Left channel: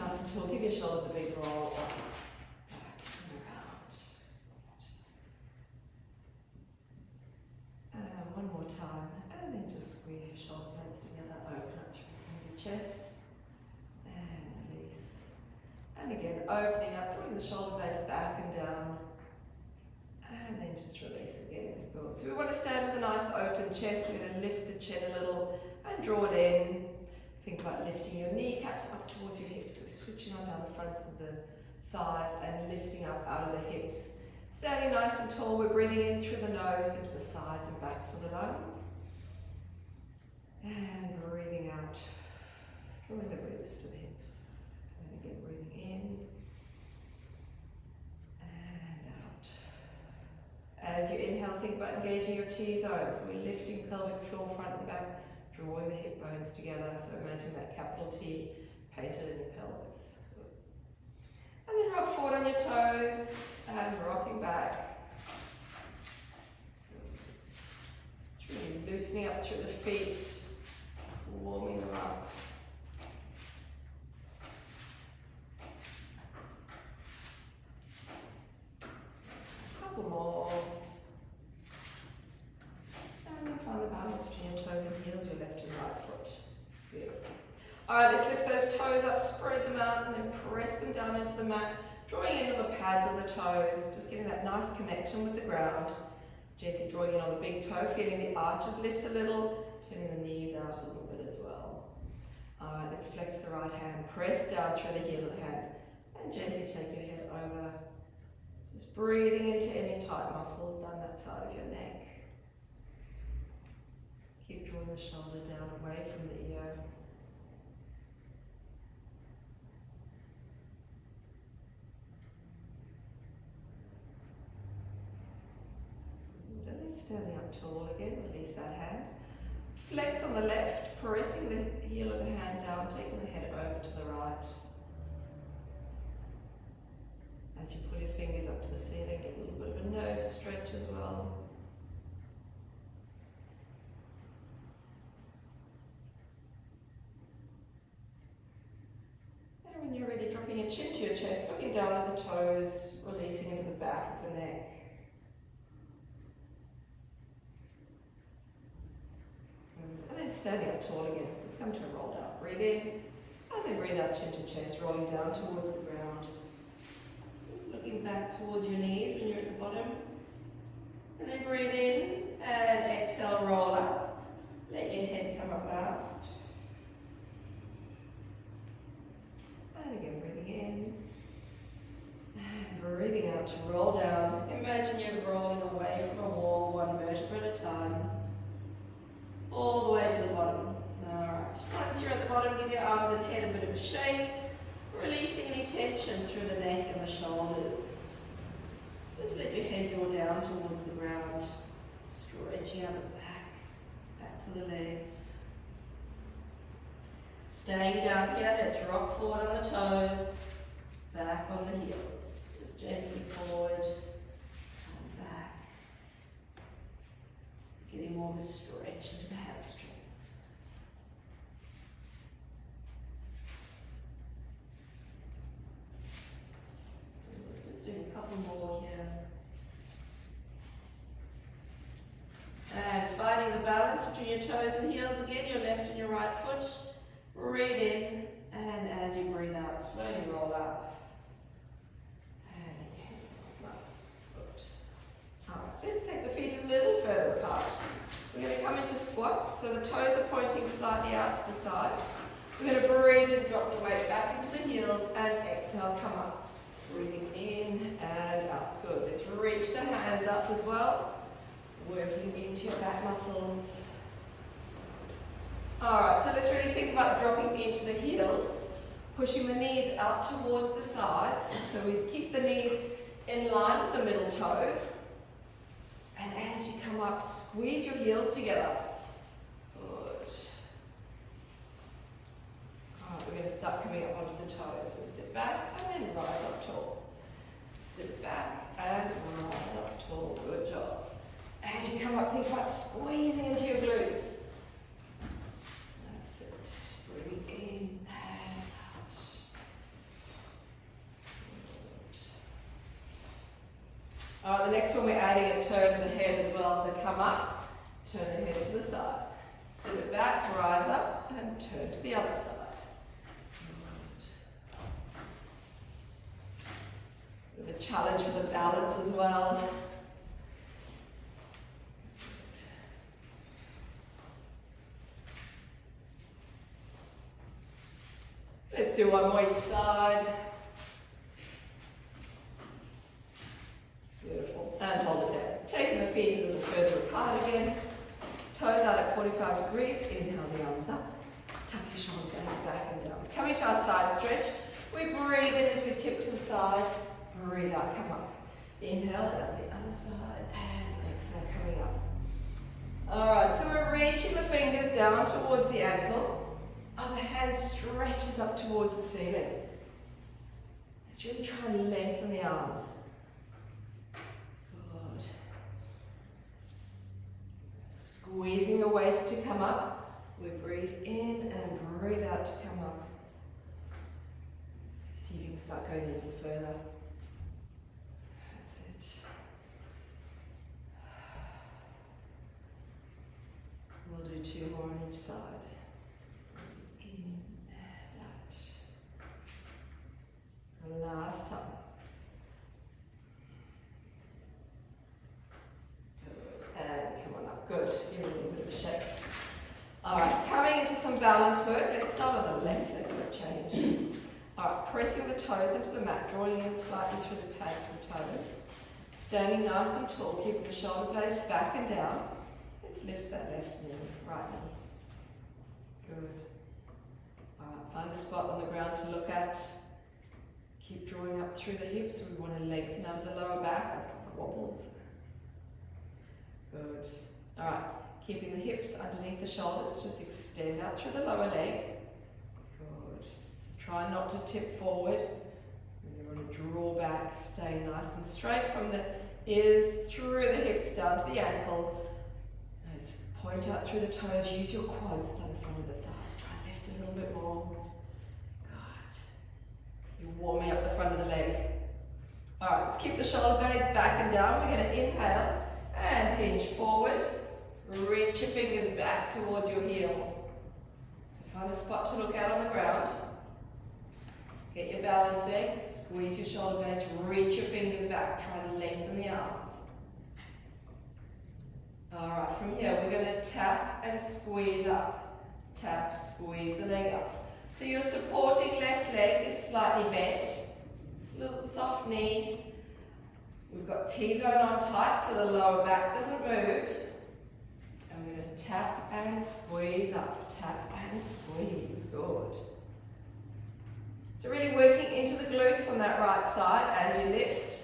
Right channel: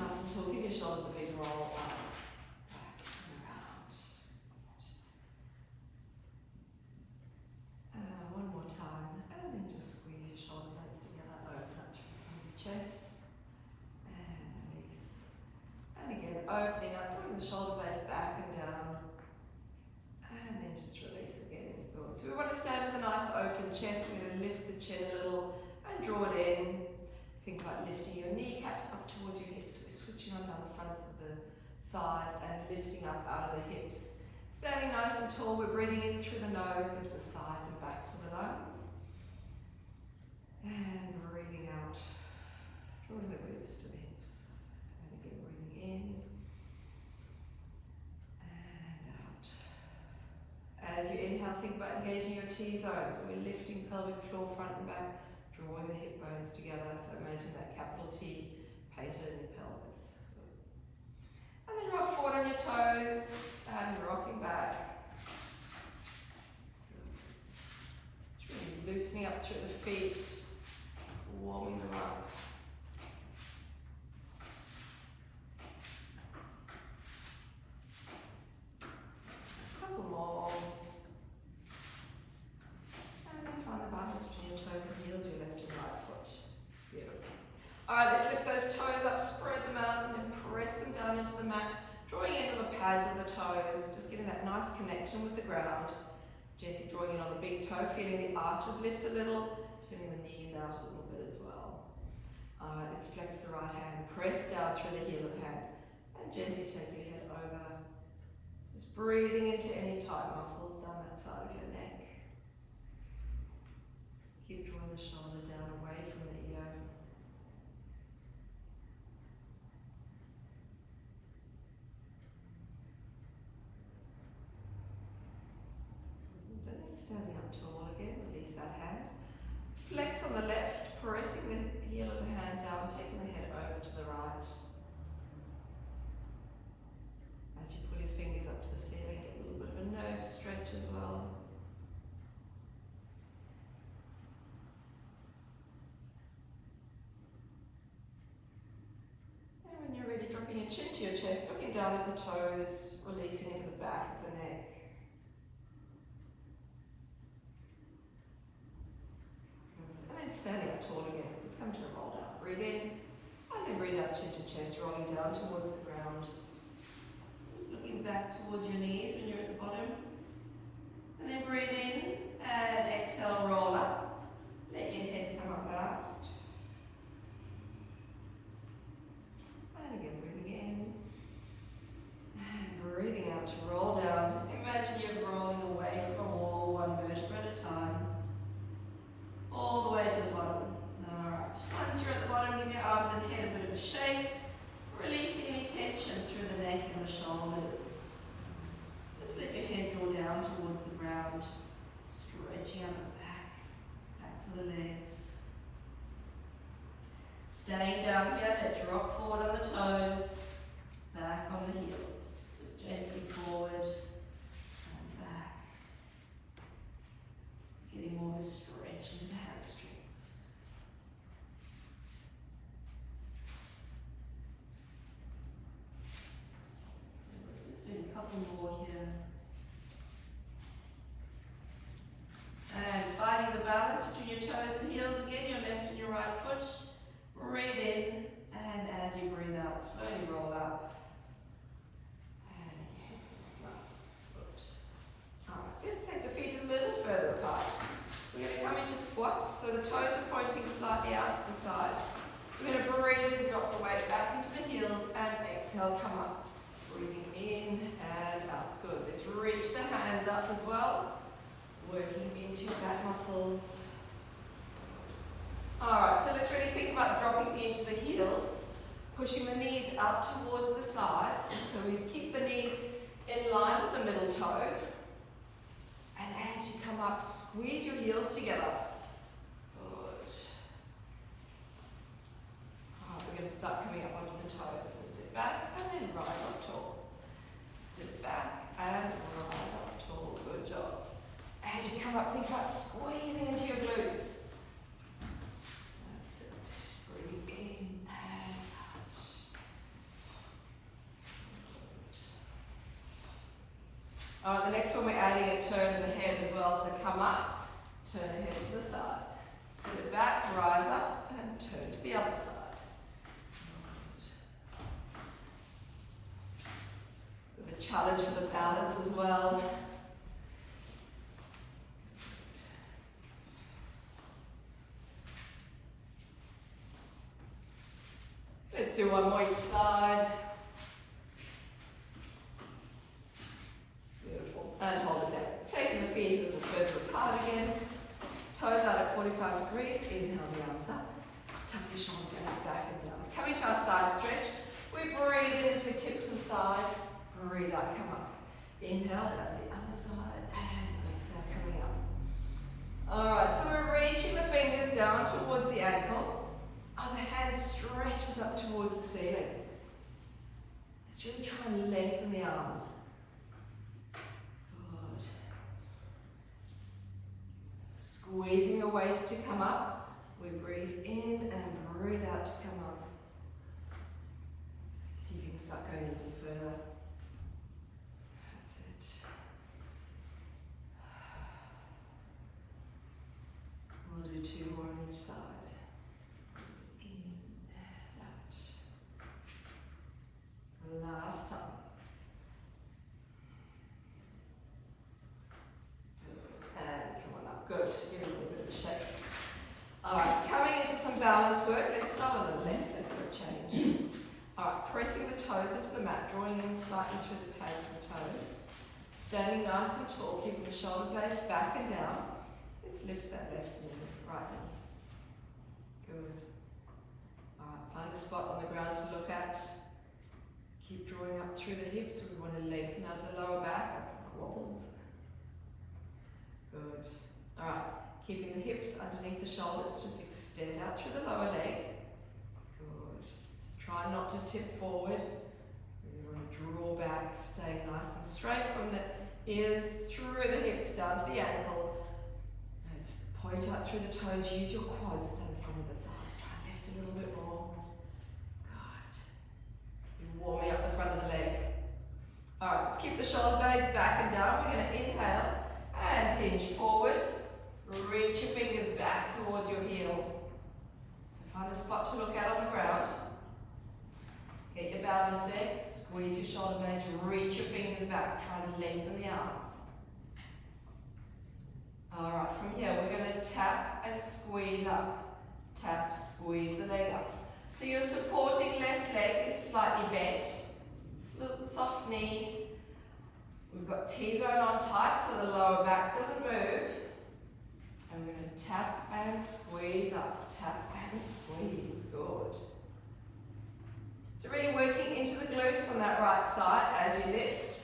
nice and tall. Give your shoulders a big roll up, back and around. One more time, and then just squeeze your shoulder blades together, open up through your chest, and release. And again, opening up, drawing the shoulder blades back and down, and then just release again. Good. So we want to stand with a nice open chest. We're going to lift the chin a little and draw it in. Think about lifting your kneecaps up towards your hips. So we're switching on down the fronts of the thighs and lifting up out of the hips. Standing nice and tall, we're breathing in through the nose into the sides and backs of the lungs. And breathing out, drawing the ribs to the hips. And again, breathing in and out. As you inhale, think about engaging your T-zone. So we're lifting pelvic floor, front and back, drawing the hip bones together. So imagine that capital T painted in your pelvis. And then rock forward on your toes and rocking back. It's really loosening up through the feet, warming them up. A couple more. And then find the balance between your toes and heels, your left and right foot. Beautiful. Alright, let's lift those toes up, spread them out, and then press them down into the mat, drawing in on the pads of the toes, just getting that nice connection with the ground. Gently drawing in on the big toe, feeling the arches lift a little, turning the knees out a little bit as well. Alright, let's flex the right hand, press down through the heel of the hand, and gently take your head over. Just breathing into any tight muscles down that side of your neck. Keep drawing the shoulder down away from the ear. And then standing up tall again, release that hand. Flex on the left, pressing the heel of the hand down, taking the head over to the right. As you pull your fingers up to the ceiling, get a little bit of a nerve stretch as well. And when you're ready, dropping your chin to your chest, looking down at the toes, releasing into the back of the neck. Good. And then standing up tall again. Let's come to a roll down. Breathe in, and then breathe out, chin to chest, rolling down towards the ground. Looking back towards your knees when you're at the bottom. And then breathe in and exhale, roll up. Let your head come up last. And again, breathing in. And breathing out to roll down. Imagine you're rolling away from a wall, one vertebra at a time. All the way to the bottom. Alright. Once you're at the bottom, give your arms and head a bit of a shake. Releasing any tension through the neck and the shoulders. Just let your head draw down towards the ground, stretching out the back, backs of the legs. Staying down here, let's rock forward on the toes, back on the heels. Just gently forward and back. Getting more of a stretch into the hamstrings. A couple more here. And finding the balance between your toes and heels again, your left and your right foot. Breathe in, and as you breathe out, slowly roll up. And your head come up last. Good. Alright, let's take the feet a little further apart. We're going to come into squats, so the toes are pointing slightly out to the sides. We're going to breathe and drop the weight back into the heels, and exhale, come up. Breathing in and up. Good. Let's reach the hands up as well. Working into your back muscles. Alright, so let's really think about dropping into the heels. Pushing the knees up towards the sides. So we keep the knees in line with the middle toe. And as you come up, squeeze your heels together. Good. Alright, we're going to start coming up onto the toes. So sit back and then rise up tall. Sit back and rise up tall. Good job. As you come up, think about squeezing into your glutes. That's it. Breathing in and out. Alright, the next one we're adding a turn in the head as well, so come up, turn the head to the side. Sit it back, rise up, and turn to the other side. Bit of a challenge for the balance as well. Let's do one more each side. Beautiful. And hold it there. Taking the feet a little further apart again. Toes out at 45 degrees. Inhale the arms up. Tuck your shoulder blades back and down. Coming to our side stretch. We breathe in as we tip to the side. Breathe out, come up. Inhale down to the other side. And exhale, coming up. Alright, so we're reaching the fingers down towards the ankle. Other hand stretches up towards the ceiling. Let's really try and lengthen the arms. Good. Squeezing your waist to come up. We breathe in and breathe out to come up. See if you can start going a little further. That's it. We'll do 2 more on each side. Last time. Good. And come on up. Good. Give it a little bit of a shake. Alright, coming into some balance work. Let's start on the left leg for a change. Alright, pressing the toes into the mat, drawing in slightly through the pads of the toes. Standing nice and tall, keeping the shoulder blades back and down. Let's lift that left knee, right knee. Good. Alright, find a spot on the ground to look at. Keep drawing up through the hips. We want to lengthen out the lower back. Wobbles. Good. Alright, keeping the hips underneath the shoulders. Just extend out through the lower leg. Good. So try not to tip forward. We want to draw back, stay nice and straight from the ears through the hips down to the ankle. Let's point out through the toes. Use your quads down the front of the thigh. Try and lift a little bit more. Warming up the front of the leg. Alright, let's keep the shoulder blades back and down. We're going to inhale and hinge forward. Reach your fingers back towards your heel. So find a spot to look at on the ground. Get your balance there. Squeeze your shoulder blades. Reach your fingers back. Try to lengthen the arms. Alright, from here we're going to tap and squeeze up. Tap, squeeze the leg up. So your supporting left leg is slightly bent, little soft knee. We've got T-zone on tight so the lower back doesn't move. I'm going to tap and squeeze up, tap and squeeze, good. So really working into the glutes on that right side as you lift.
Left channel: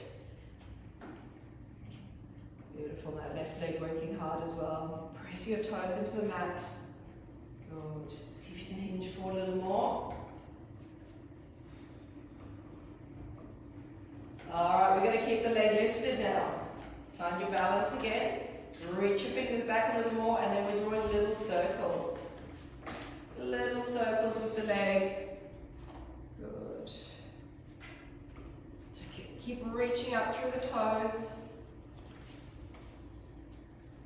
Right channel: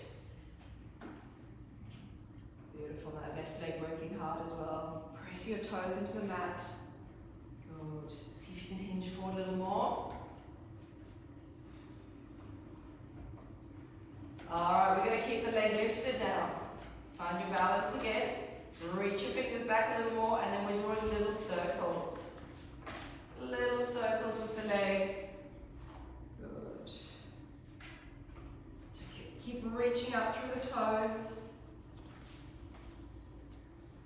Beautiful, that left leg working hard as well. Press your toes into the mat, good. You can hinge forward a little more. Alright, we're going to keep the leg lifted now. Find your balance again. Reach your fingers back a little more and then we're drawing little circles. Little circles with the leg. Good. So keep reaching up through the toes.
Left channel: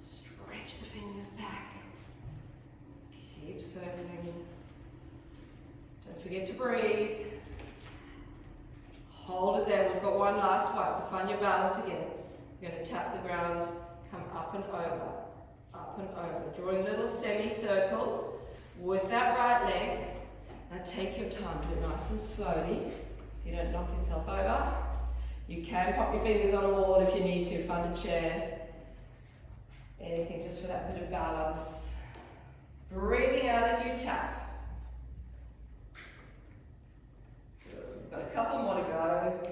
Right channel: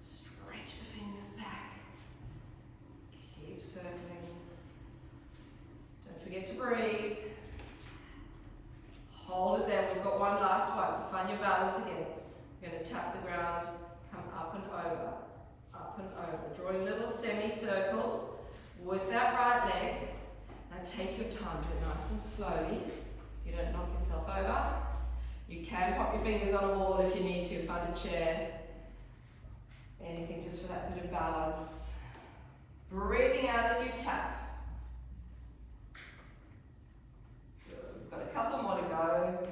Stretch the fingers back. Keep circling. Don't forget to breathe. Hold it there. We've got one last one, so find your balance again. You're going to tap the ground, come up and over, up and over. Drawing little semicircles with that right leg. Now take your time, do it nice and slowly so you don't knock yourself over. You can pop your fingers on a wall if you need to, find a chair. Anything just for that bit of balance. Breathing out as you tap. Good. We've got a couple more to go.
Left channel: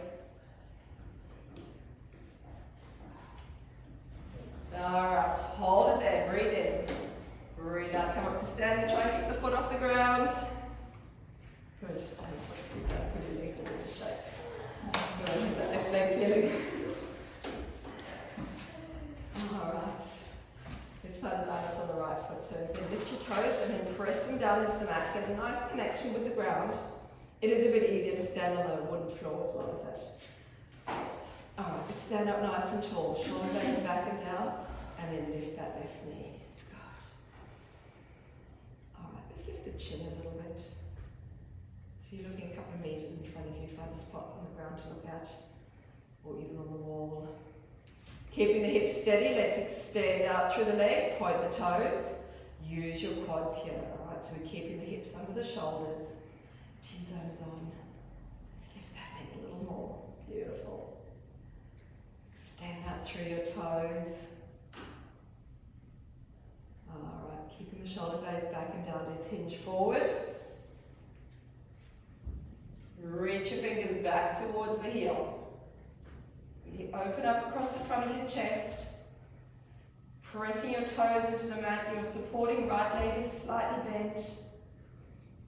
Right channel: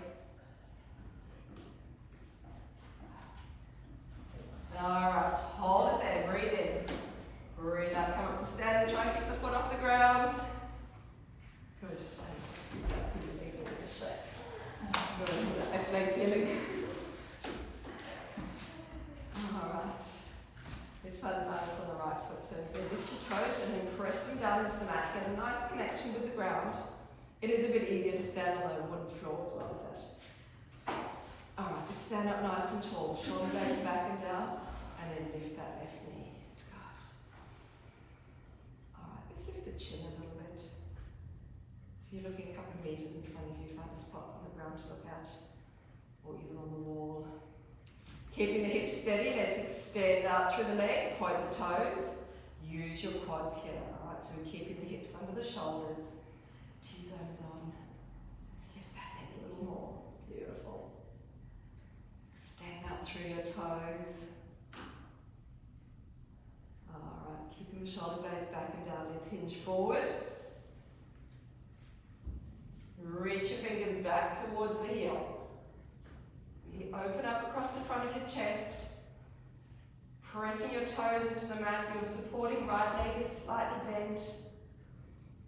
Alright, hold it there, breathe in. Breathe out, come up to stand and try and keep the foot off the ground. Good. And put your feet back, give your legs a little shake. Good, how's that left leg feeling? Alright. Let's find the balance on the right foot. So again, lift your toes and then press them down into the mat. Get a nice connection with the ground. It is a bit easier to stand on the wooden floor as well if that helps. Alright, let's stand up nice and tall. Shoulder blades back and down. And then lift that left knee. Good. Alright, let's lift the chin a little bit. So you're looking a couple of meters in front of you. Find a spot on the ground to look at. Or even on the wall. Keeping the hips steady, let's extend out through the leg. Point the toes. Use your quads here. Alright, so we're keeping the hips under the shoulders. T-zone is on. Let's lift that leg a little more. Beautiful. Extend out through your toes. Alright, keeping the shoulder blades back and down. Let's hinge forward. Reach your fingers back towards the heel. You open up across the front of your chest. Pressing your toes into the mat. Your supporting right leg is slightly bent.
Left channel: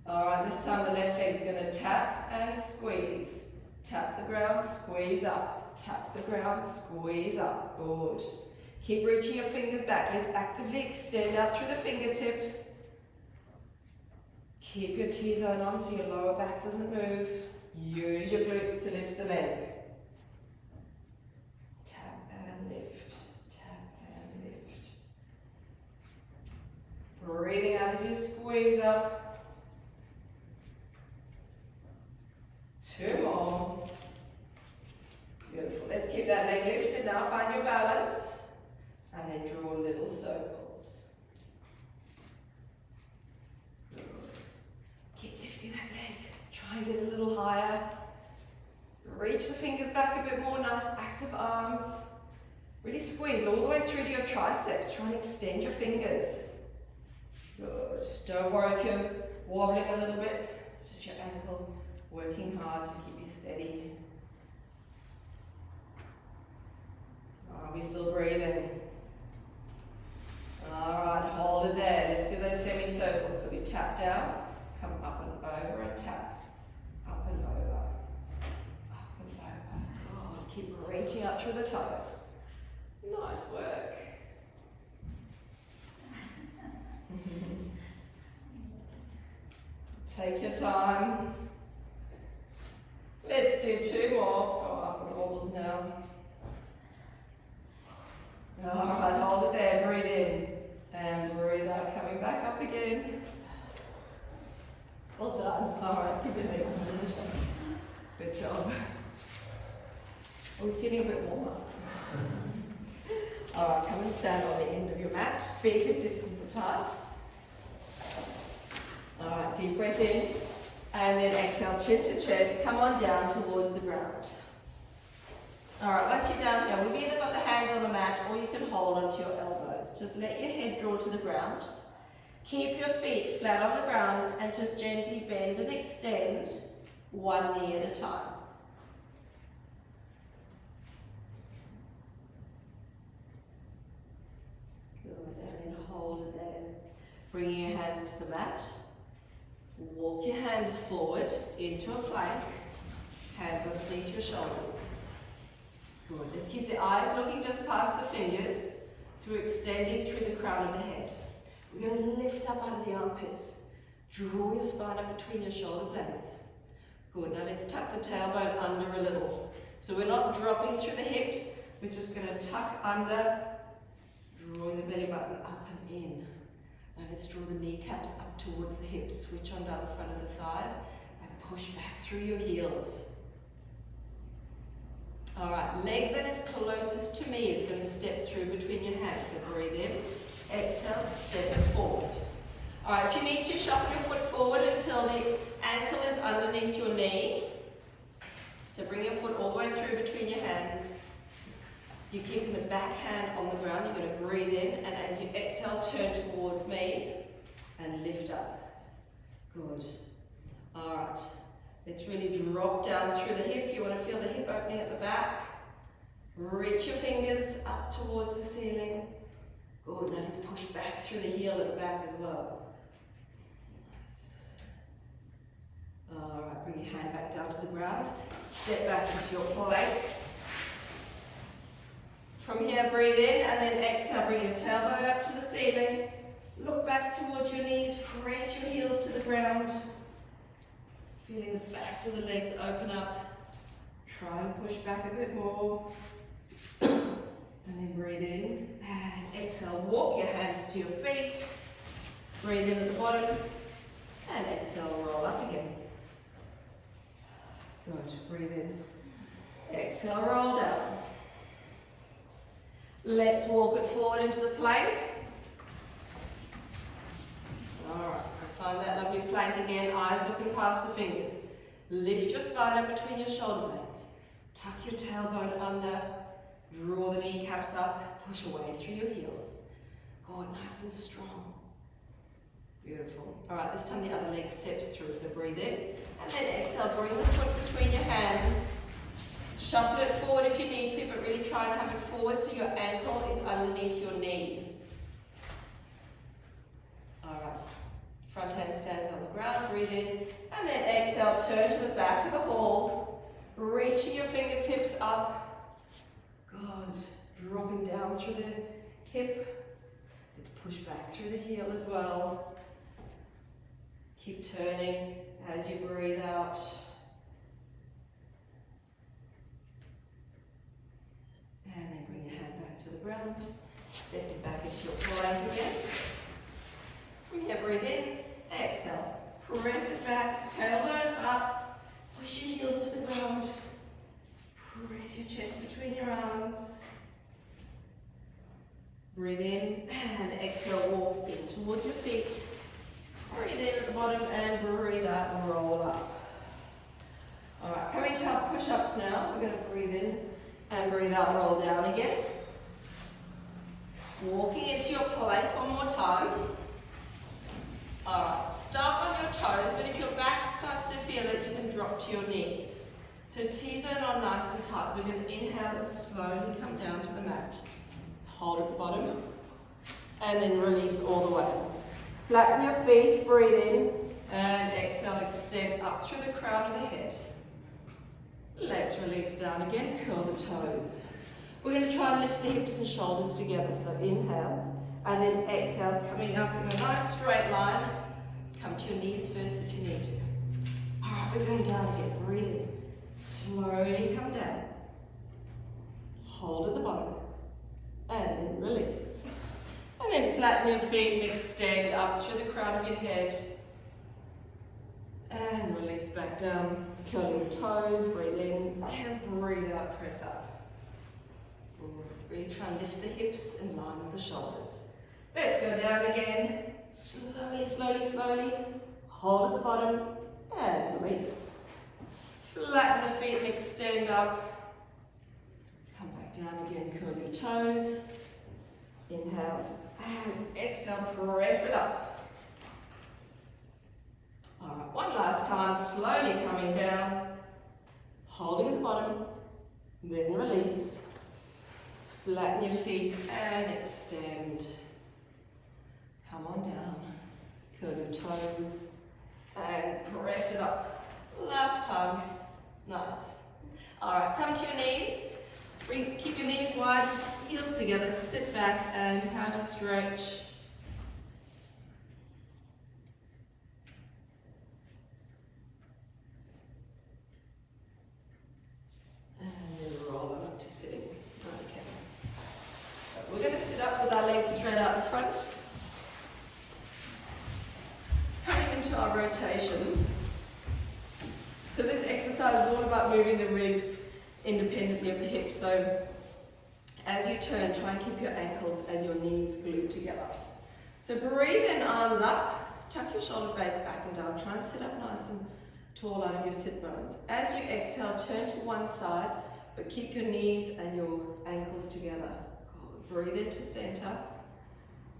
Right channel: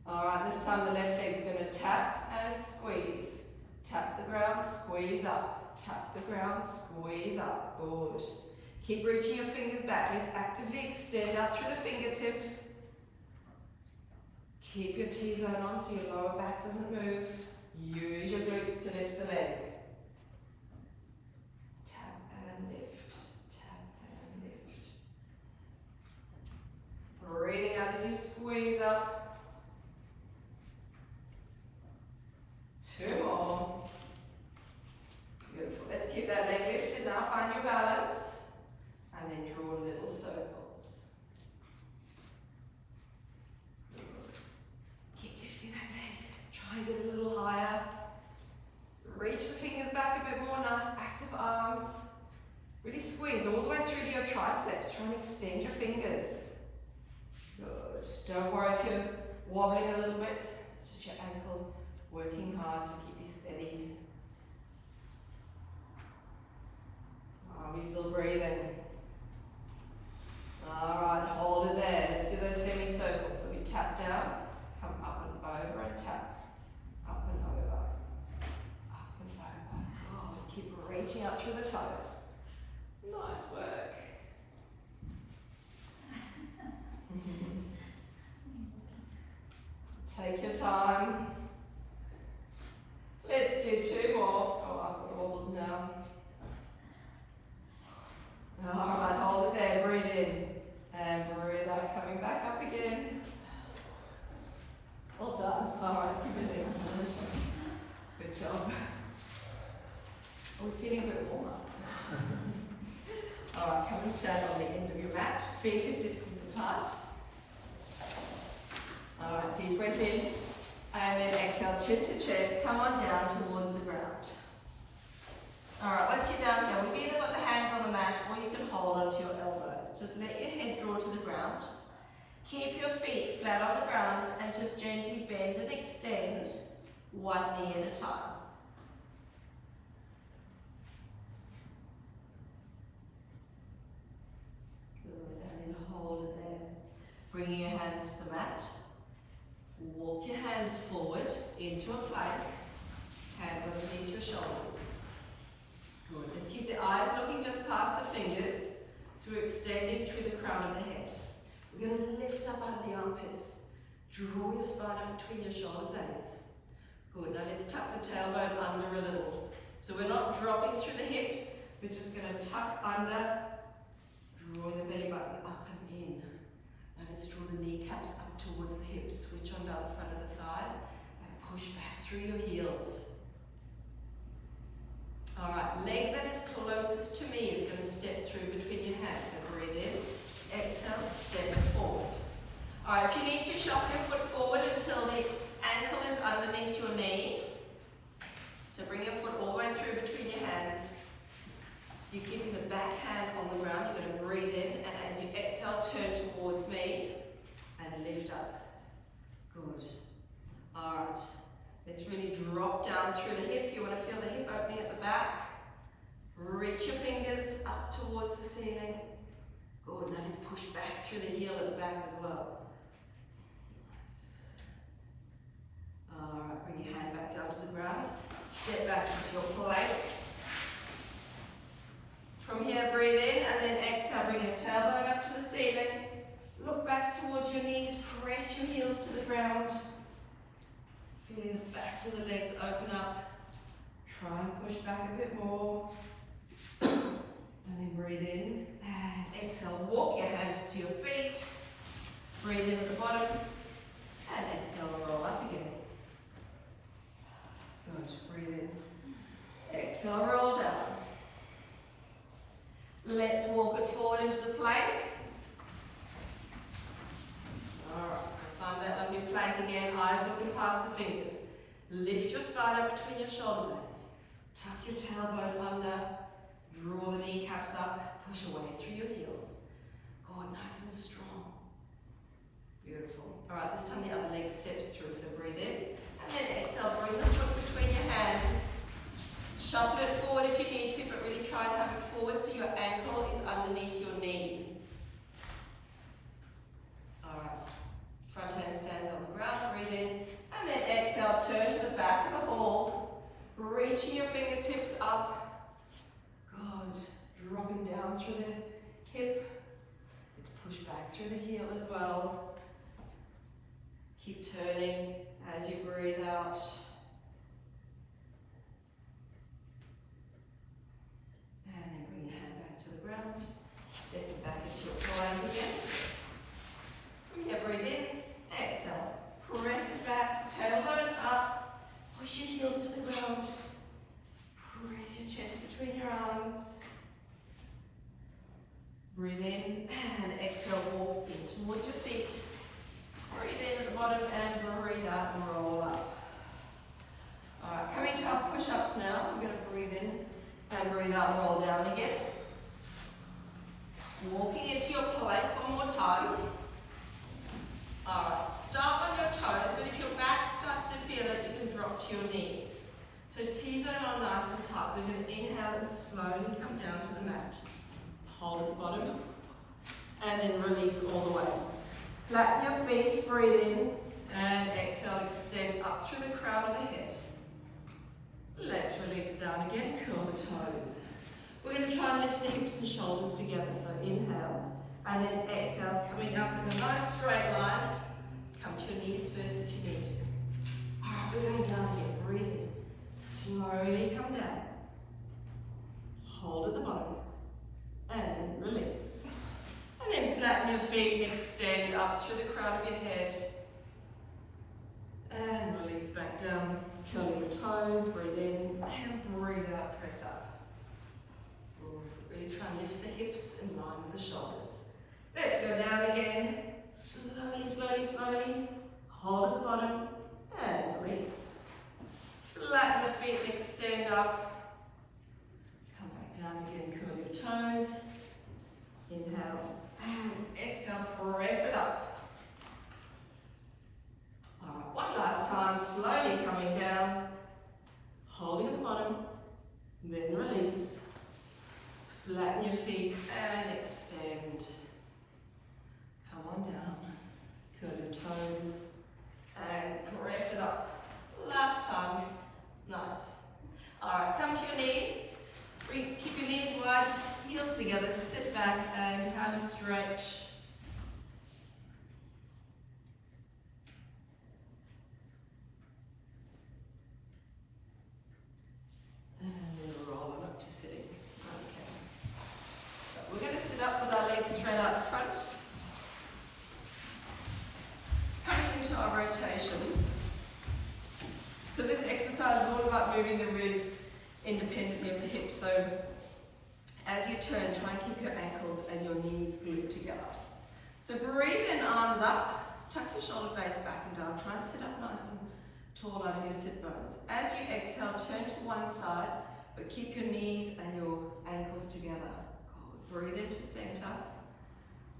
Alright, this time the left leg's going to tap and squeeze. Tap the ground, squeeze up. Tap the ground, squeeze up. Good. Keep reaching your fingers back. Let's actively extend out through the fingertips. Keep your T-zone on so your lower back doesn't move. Use your glutes to lift the leg. Tap and lift. Tap and lift. Breathing out as you squeeze up. 2 more. Beautiful. Let's keep that leg lifted. Now find your balance. And then draw little circles. Good. Keep lifting that leg. Try and get a little higher. Reach the fingers back a bit more. Nice active arms. Really squeeze all the way through to your triceps. Try and extend your fingers. Good. Don't worry if you're wobbling a little bit. It's just your ankle working hard to keep you steady. Are we still breathing? Alright, hold it there. Let's do those semicircles. So we tap down, come up and over and tap. Up and over. Up and over. Oh, keep reaching out through the toes. Nice work. Take your time. Let's do 2 more. Oh, I've got the wobbles now. Alright, hold it there. Breathe in. And breathe out, coming back up again. Well done. Alright, keep your legs in the shot. Good job. Are we feeling a bit warmer? Alright, come and stand on the end of your mat. Feet hip distance apart. Alright, deep breath in. And then exhale, chin to chest. Come on down towards the ground. Alright, once you're down here, we've either got the hands on the mat or you can hold onto your elbows. Just let your head draw to the ground. Keep your feet flat on the ground and just gently bend and extend 1 knee at a time. Good, and then hold it there. Bringing your hands to the mat. Walk your hands forward into a plank. Hands underneath your shoulders. Good. Let's keep the eyes looking just past the fingers. So we're extending through the crown of the head. We're going to lift up out of the armpits. Draw your spine up between your shoulder blades. Good. Now let's tuck the tailbone under a little. So we're not dropping through the hips. We're just going to tuck under. Draw the belly button up and in. Now let's draw the kneecaps up towards the hips. Switch on down the front of the thighs and push back through your heels. Alright, leg that is closest to me is going to step through between your hands. So breathe in, exhale, step it forward. Alright, if you need to, shuffle your foot forward until the ankle is underneath your knee. So bring your foot all the way through between your hands. You're keeping the back hand on the ground. You're going to breathe in, and as you exhale, turn towards me and lift up. Good. Alright. Let's really drop down through the hip. You want to feel the hip opening at the back. Reach your fingers up towards the ceiling. Good. Now let's push back through the heel at the back as well. Nice. Alright, bring your hand back down to the ground. Step back into your plank. From here, breathe in and then exhale. Bring your tailbone up to the ceiling. Look back towards your knees. Press your heels to the ground. Feeling the backs of the legs open up. Try and push back a bit more. And then breathe in and exhale. Walk your hands to your feet. Breathe in at the bottom and exhale, roll up again. Good, breathe in. Exhale, roll down. Let's walk it forward into the plank. Alright, so find that lovely plank again, eyes looking past the fingers. Lift your spine up between your shoulder blades. Tuck your tailbone under. Draw the kneecaps up. Push away through your heels. Good, nice and strong. Beautiful. Alright, this time the other leg steps through, so breathe in. And then exhale, bring the foot between your hands. Shuffle it forward if you need to, but really try and have it forward so your ankle is underneath your knee. Alright, front hand stands on the ground, breathe in. And then exhale, turn to the back of the hall. Reaching your fingertips up. Good. Dropping down through the hip. Let's push back through the heel as well. Keep turning as you breathe out. And then bring your hand back to the ground. Stepping back into your plank again. From here, breathe in. Exhale. Press it back. Tailbone up. Push your heels to the ground. Press your chest between your arms. Breathe in and exhale, walk in towards your feet. Breathe in at the bottom and breathe out and roll up. Alright, coming to our push-ups now. We're going to breathe in and breathe out and roll down again. Walking into your plank one more time. Alright, start on your toes, but if your back starts to feel it, you can drop to your knees. So T-zone on nice and tight. We're going to inhale and slowly come down to the mat. Hold at the bottom, and then release all the way. Flatten your feet, breathe in, and exhale, extend up through the crown of the head. Let's release down again, curl the toes. We're going to try and lift the hips and shoulders together. So inhale, and then exhale, coming up in a nice straight line. Come to your knees first if you need to. Alright, we're going down again, breathe in. Slowly come down. Hold at the bottom. And then release. And then flatten your feet and extend up through the crown of your head. And release back down. Curling the toes, breathe in, and breathe out, press up. Really try and lift the hips in line with the shoulders. Let's go down again. Slowly, slowly, slowly. Hold at the bottom, and release. Flatten the feet and extend up. Come back down again, curl your toes. Inhale, and exhale, press it up. Alright, one last time, slowly coming down, holding at the bottom, then release. Flatten your feet and extend. Come on down, curl your toes, and press it up. Last time, nice. Alright, come to your knees. Keep your knees wide, heels together, sit back and have a stretch. And then roll on up to sitting. Okay. So we're going to sit up with our legs straight out in front. Coming into our rotation. So this exercise is all about moving the ribs independently of the hips. So as you turn, try and keep your ankles and your knees glued together. So breathe in, arms up, tuck your shoulder blades back and down. Try and sit up nice and tall out of your sit bones. As you exhale, turn to one side, but keep your knees and your ankles together. Good. Breathe into center.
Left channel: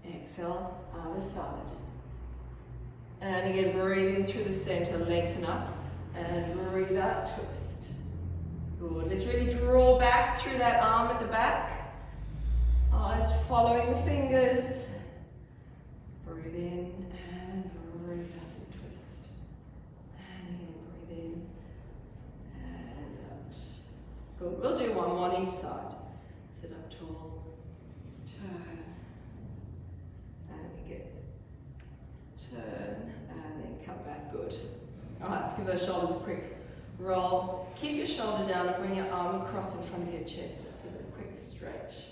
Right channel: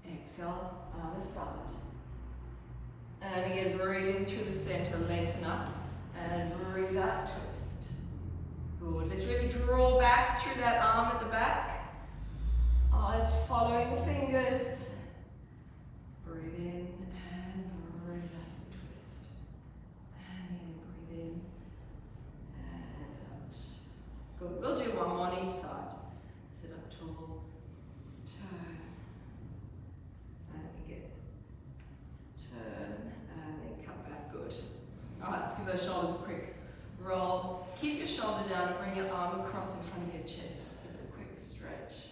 Exhale, other side. And again, breathe in through the center, lengthen up, and breathe out, twist. Good. Let's really draw back through that arm at the back. Eyes following the fingers. Breathe in and breathe out and twist. And again, breathe in and out. Good. We'll do one more on each side. Sit up tall. Turn. And again. Turn. And then come back. Good. Alright, let's give those shoulders a quick roll. Keep your shoulder down and bring your arm across in front of your chest. Just give it a quick stretch.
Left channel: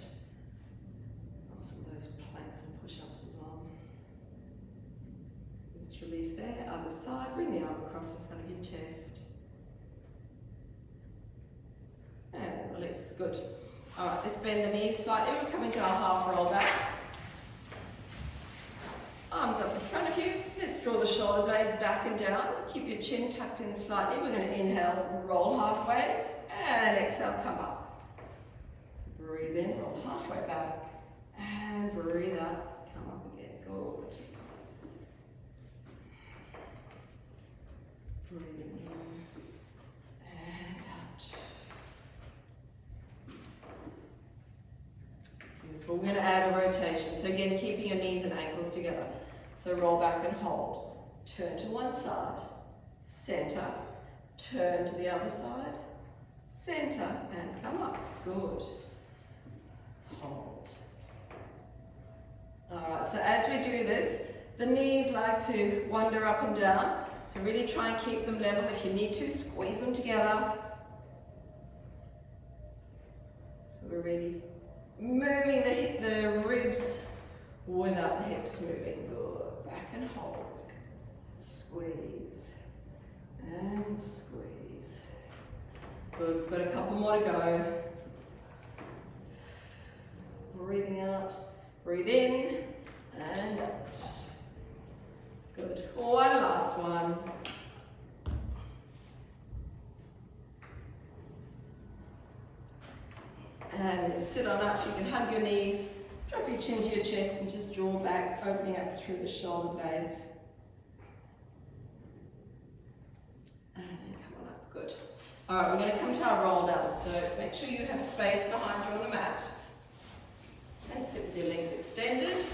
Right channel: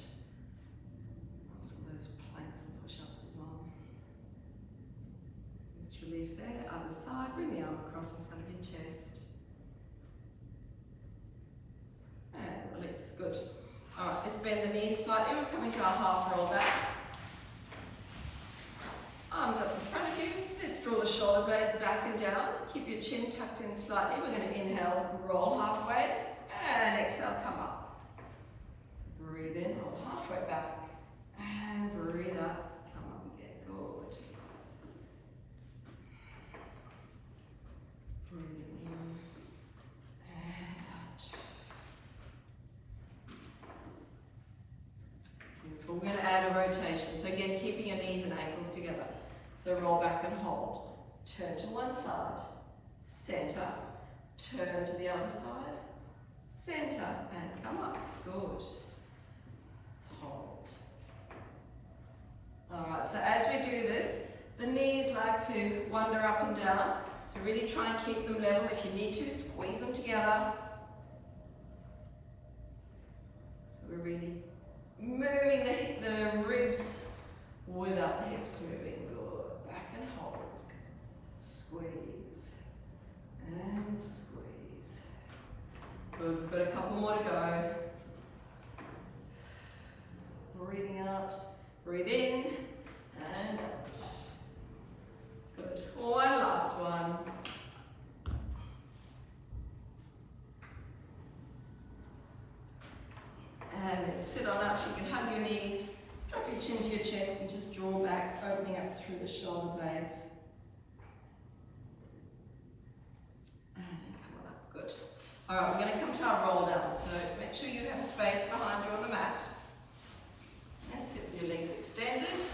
After all those planks and push-ups as well. Let's release there. Other side. Bring the arm across in front of your chest. And release. Good. Alright, let's bend the knees slightly. We're coming to our half roll back. Arms up in front of you. Let's draw the shoulder blades back and down. Keep your chin tucked in slightly. We're going to inhale, roll halfway, and exhale, come up. Breathe in, roll halfway back, and breathe out, come up again. Good. Breathing in and out. Beautiful. We're going to add a rotation. So again, keeping your knees and ankles together. So roll back and hold. Turn to one side, center, turn to the other side, center, and come up. Good. Hold. Alright, so as we do this, the knees like to wander up and down. So really try and keep them level. If you need to, squeeze them together. So we're really moving the ribs without the hips moving. Good. Back and hold. Squeeze. And squeeze. Good. We've got a couple more to go. Breathing out. Breathe in. And out. Good. One last one. And then sit on up. You can hug your knees. Drop your chin to your chest and just draw back, opening up through the shoulder blades. And then come on up, good. All right, we're going to come to our roll down. So make sure you have space behind you on the mat. And sit with your legs extended.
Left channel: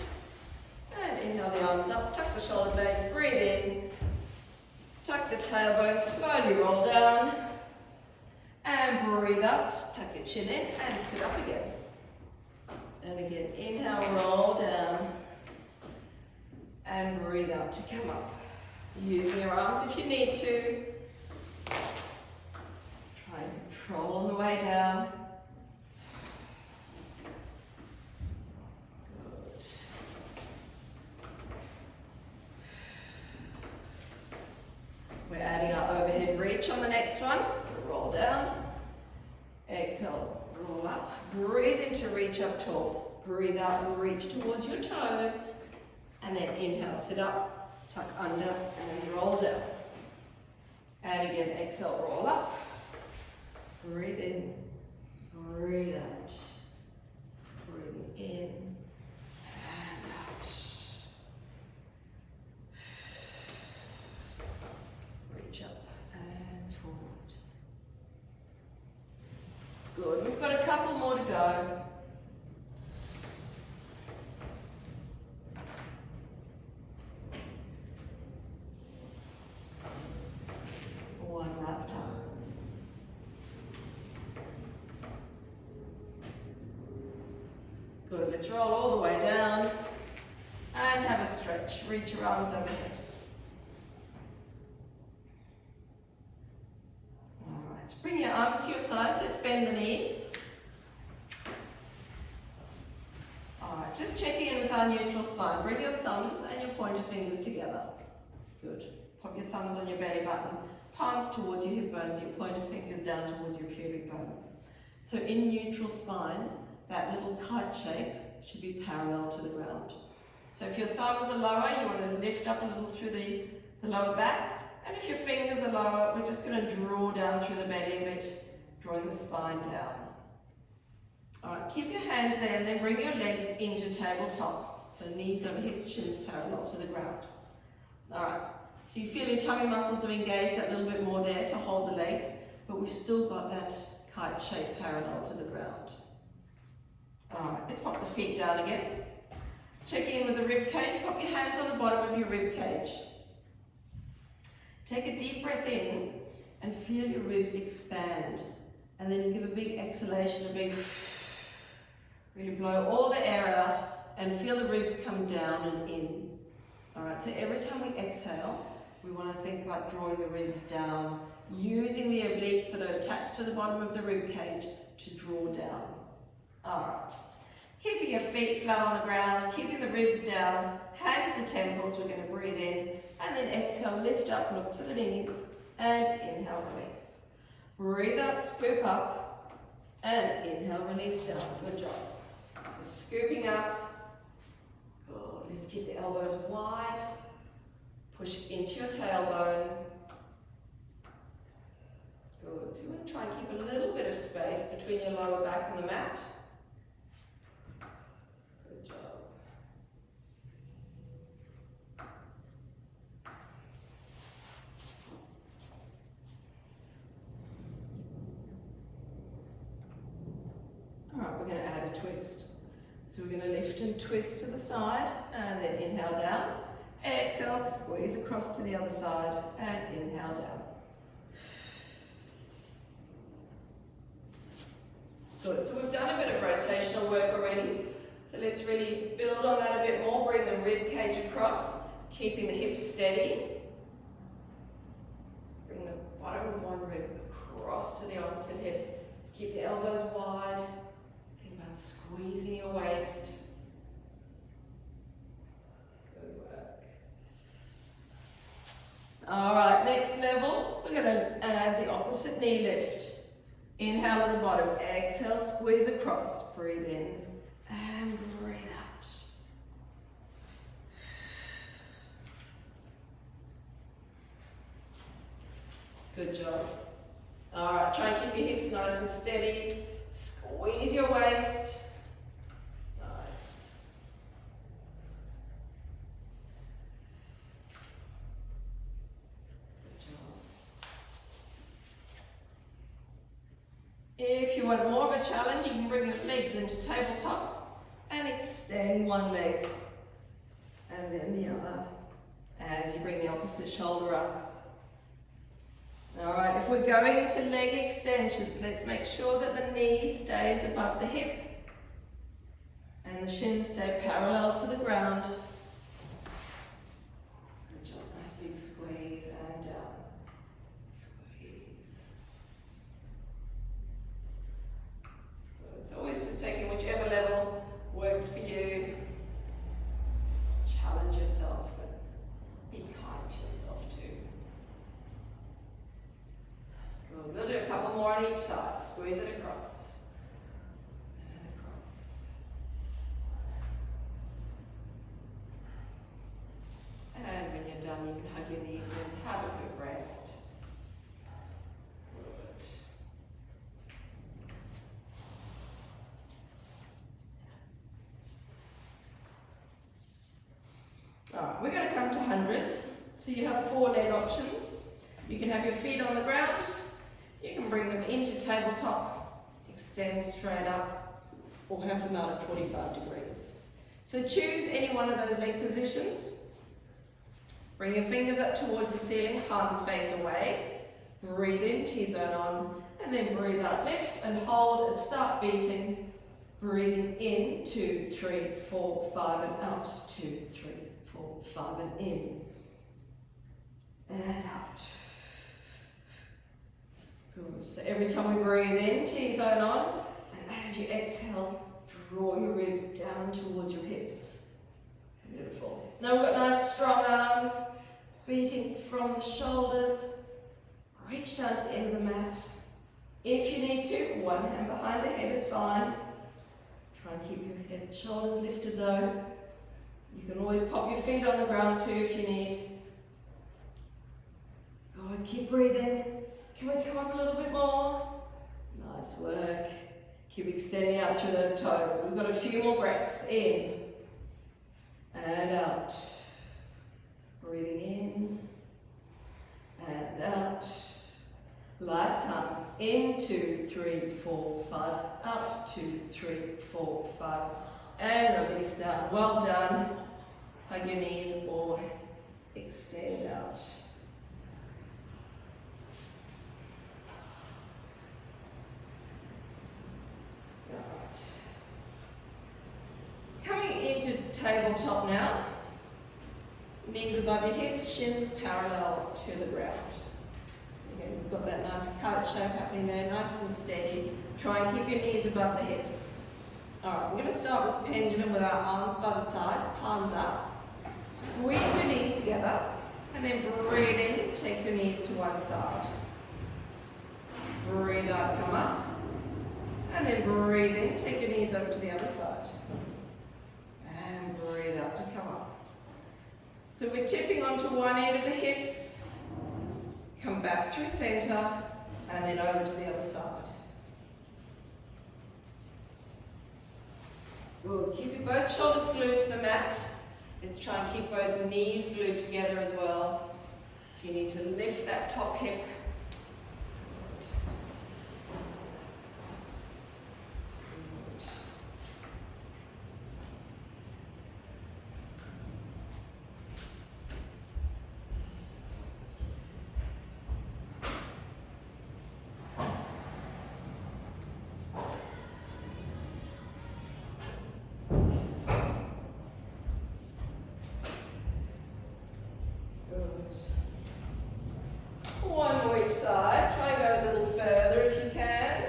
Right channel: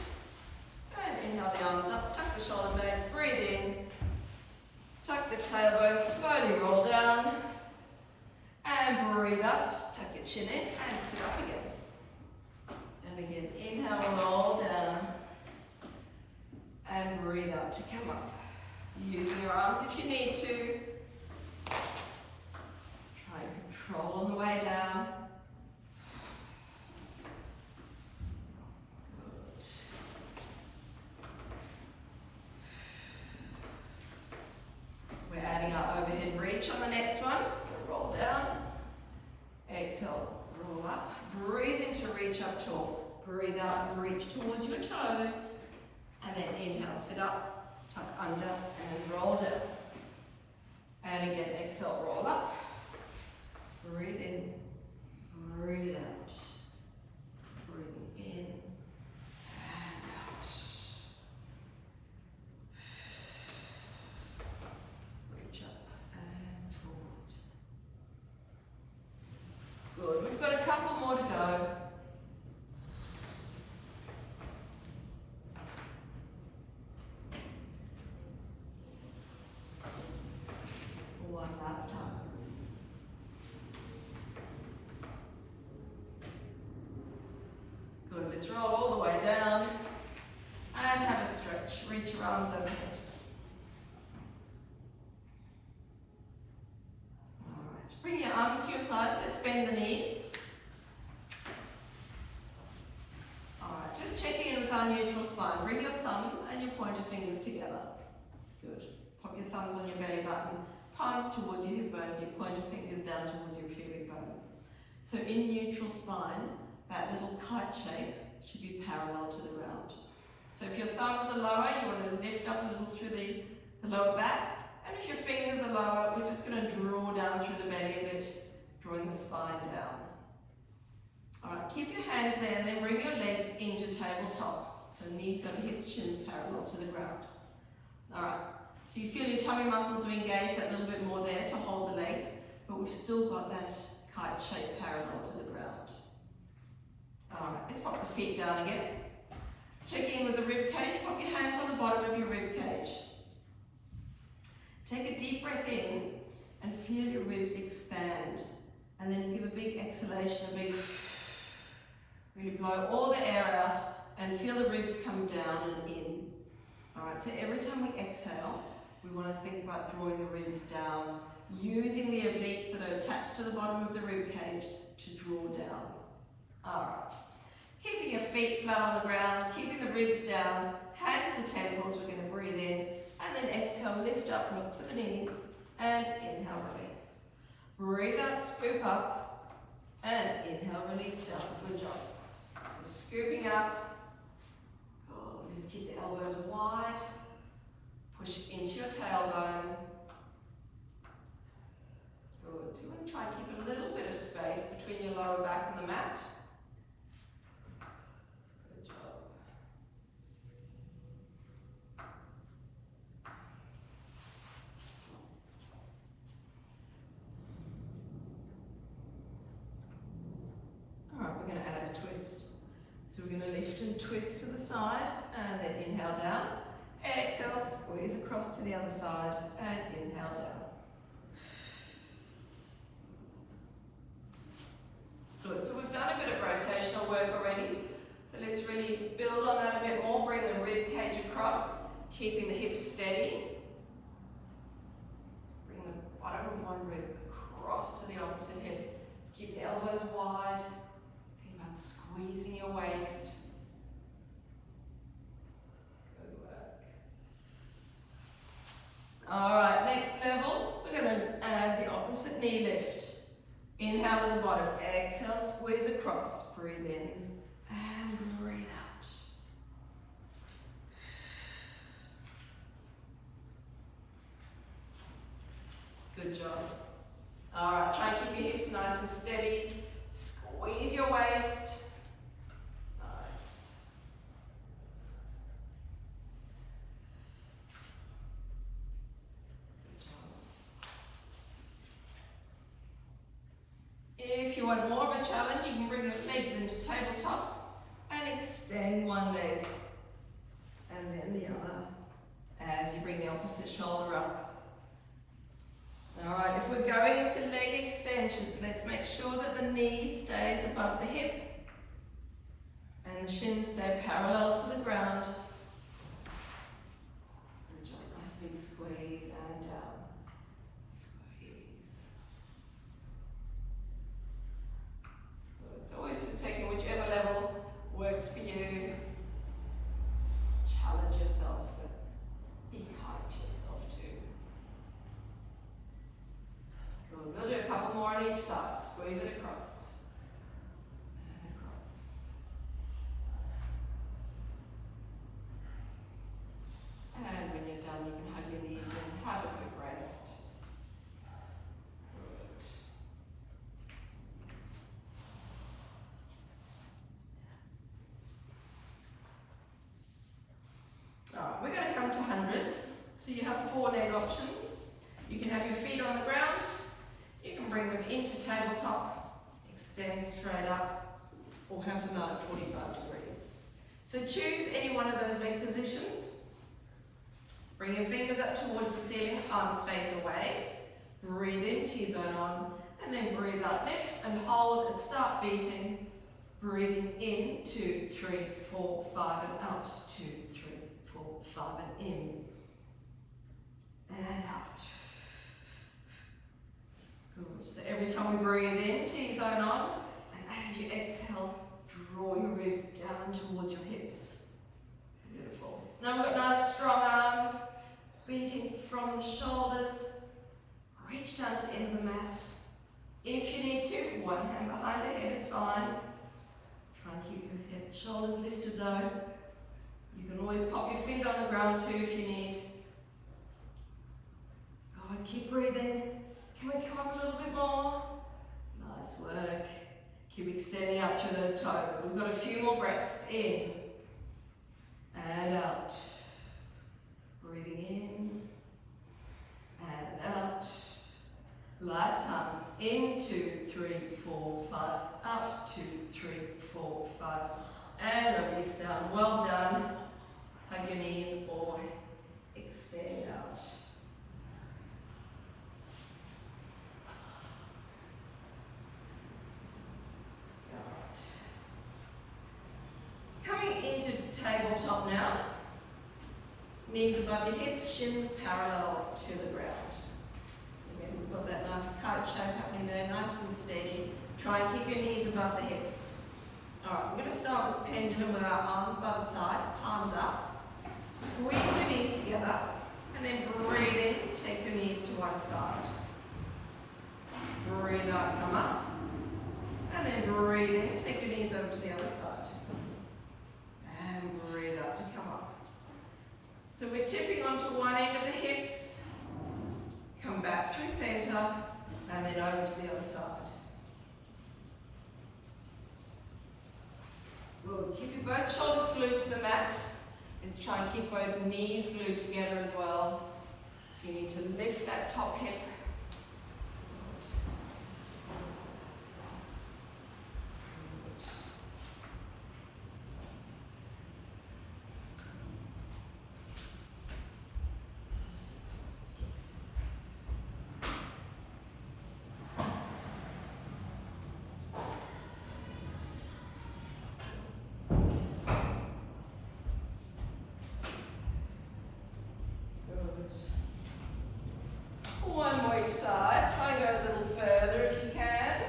And inhale the arms up, tuck the shoulder blades, breathe in. Tuck the tailbone, slowly roll down. And breathe out, tuck your chin in and sit up again. And again, inhale, roll down, and breathe out to come up. Using your arms if you need to. Try and control on the way down. Good. We're adding our overhead reach on the next one. So roll down, exhale, roll up. Breathe in to reach up tall. Breathe out and reach towards your toes. And then inhale, sit up, tuck under, and roll down. And again, exhale, roll up. Breathe in, breathe out. Breathing in and out. Reach up and forward. Good. We've got a couple more to go. One last time. Good. Let's roll all the way down and have a stretch. Reach your arms overhead. Bring your arms to your sides, let's bend the knees. Alright, just checking in with our neutral spine. Bring your thumbs and your pointer fingers together. Good. Pop your thumbs on your belly button, palms towards your hip bones, your pointer fingers down towards your pubic bone. So in neutral spine, that little kite shape should be parallel to the ground. So if your thumbs are lower, you want to lift up a little through the lower back. And if your fingers are lower, we're just going to draw down through the belly a bit, drawing the spine down. Alright, keep your hands there and then bring your legs into tabletop. So knees over hips, shins parallel to the ground. Alright, so you feel your tummy muscles have engaged a little bit more there to hold the legs, but we've still got that kite shape parallel to the ground. Alright, let's pop the feet down again. Checking in with the rib cage, pop your hands on the bottom of your rib cage. Take a deep breath in and feel your ribs expand. And then give a big exhalation, a big, really blow all the air out and feel the ribs come down and in. All right, so every time we exhale, We want to think about drawing the ribs down, using the obliques that are attached to the bottom of the rib cage to draw down. Alright. Keeping your feet flat on the ground, keeping the ribs down, hands to temples, we're going to breathe in, and then exhale, lift up, look to the knees, and inhale, release. Breathe out, scoop up, and inhale, release down. Good job. So scooping up. Good. Let's keep the elbows wide. Push into your tailbone. Good. So you want to try and keep a little bit of space between your lower back and the mat. Good job. All right, we're going to add a twist. So we're going to lift and twist to the side, and then inhale down. Exhale, squeeze across to the other side, and inhale down. Good, so we've done a bit of rotational work already. So let's really build on that a bit more. Bring the rib cage across, keeping the hips steady. Bring the bottom of one rib across to the opposite hip. Let's keep the elbows wide. Think about squeezing your waist. All right, next level, we're going to add the opposite knee lift. Inhale at the bottom, exhale, squeeze across, breathe in, and breathe out. Good job. All right, try and keep your hips nice and steady. Squeeze your waist. If you want more of a challenge, you can bring your legs into tabletop and extend one leg and then the other as you bring the opposite shoulder up. Alright, if we're going into leg extensions, let's make sure that the knee stays above the hip and the shins stay parallel to the ground. Good job, nice big squeeze and down. Always just taking whichever level works for you. Challenge yourself, but be kind to yourself too. Good. We'll do a couple more on each side. Squeeze it across. And across. And when you're done, you can hug your knees in. Have a good rest. Alright, we're going to come to hundreds. So you have 4 leg options. You can have your feet on the ground. You can bring them into tabletop, extend straight up, or have them out at 45 degrees. So choose any one of those leg positions. Bring your fingers up towards the ceiling, palms face away. Breathe in, T-zone on, and then breathe out, lift and hold and start beating. Breathing in, 2, 3, 4, 5, and out, 2, 3, 4, 5, and in, and out. Good, so every time we breathe in, T-zone on, and as you exhale, draw your ribs down towards your hips. Beautiful. Now we've got nice strong arms, beating from the shoulders, reach down to the end of the mat. If you need to, one hand behind the head is fine. Try and keep your head, shoulders lifted though. You can always pop your feet on the ground too if you need. Go and keep breathing. Can we come up a little bit more? Nice work. Keep extending out through those toes. We've got a few more breaths. In and out. Breathing in and out. Last time. In, 2, 3, 4, 5. Out, 2, 3, 4, 5. And release down. Well done. Hug your knees or extend out. Alright. Coming into tabletop now. Knees above your hips, shins parallel to the ground. Again, we've got that nice kite shape happening there, nice and steady. Try and keep your knees above the hips. Alright, we're going to start with pendulum with our arms by the sides, palms up. Squeeze your knees together, and then breathe in, take your knees to one side. Breathe out, come up. And then breathe in, take your knees over to the other side. And breathe out to come up. So we're tipping onto one end of the hips, come back through center, and then over to the other side. Good. Keep your both shoulders glued to the mat. Let's try and keep both knees glued together as well. So you need to lift that top hip. One more each side. Try and go a little further if you can.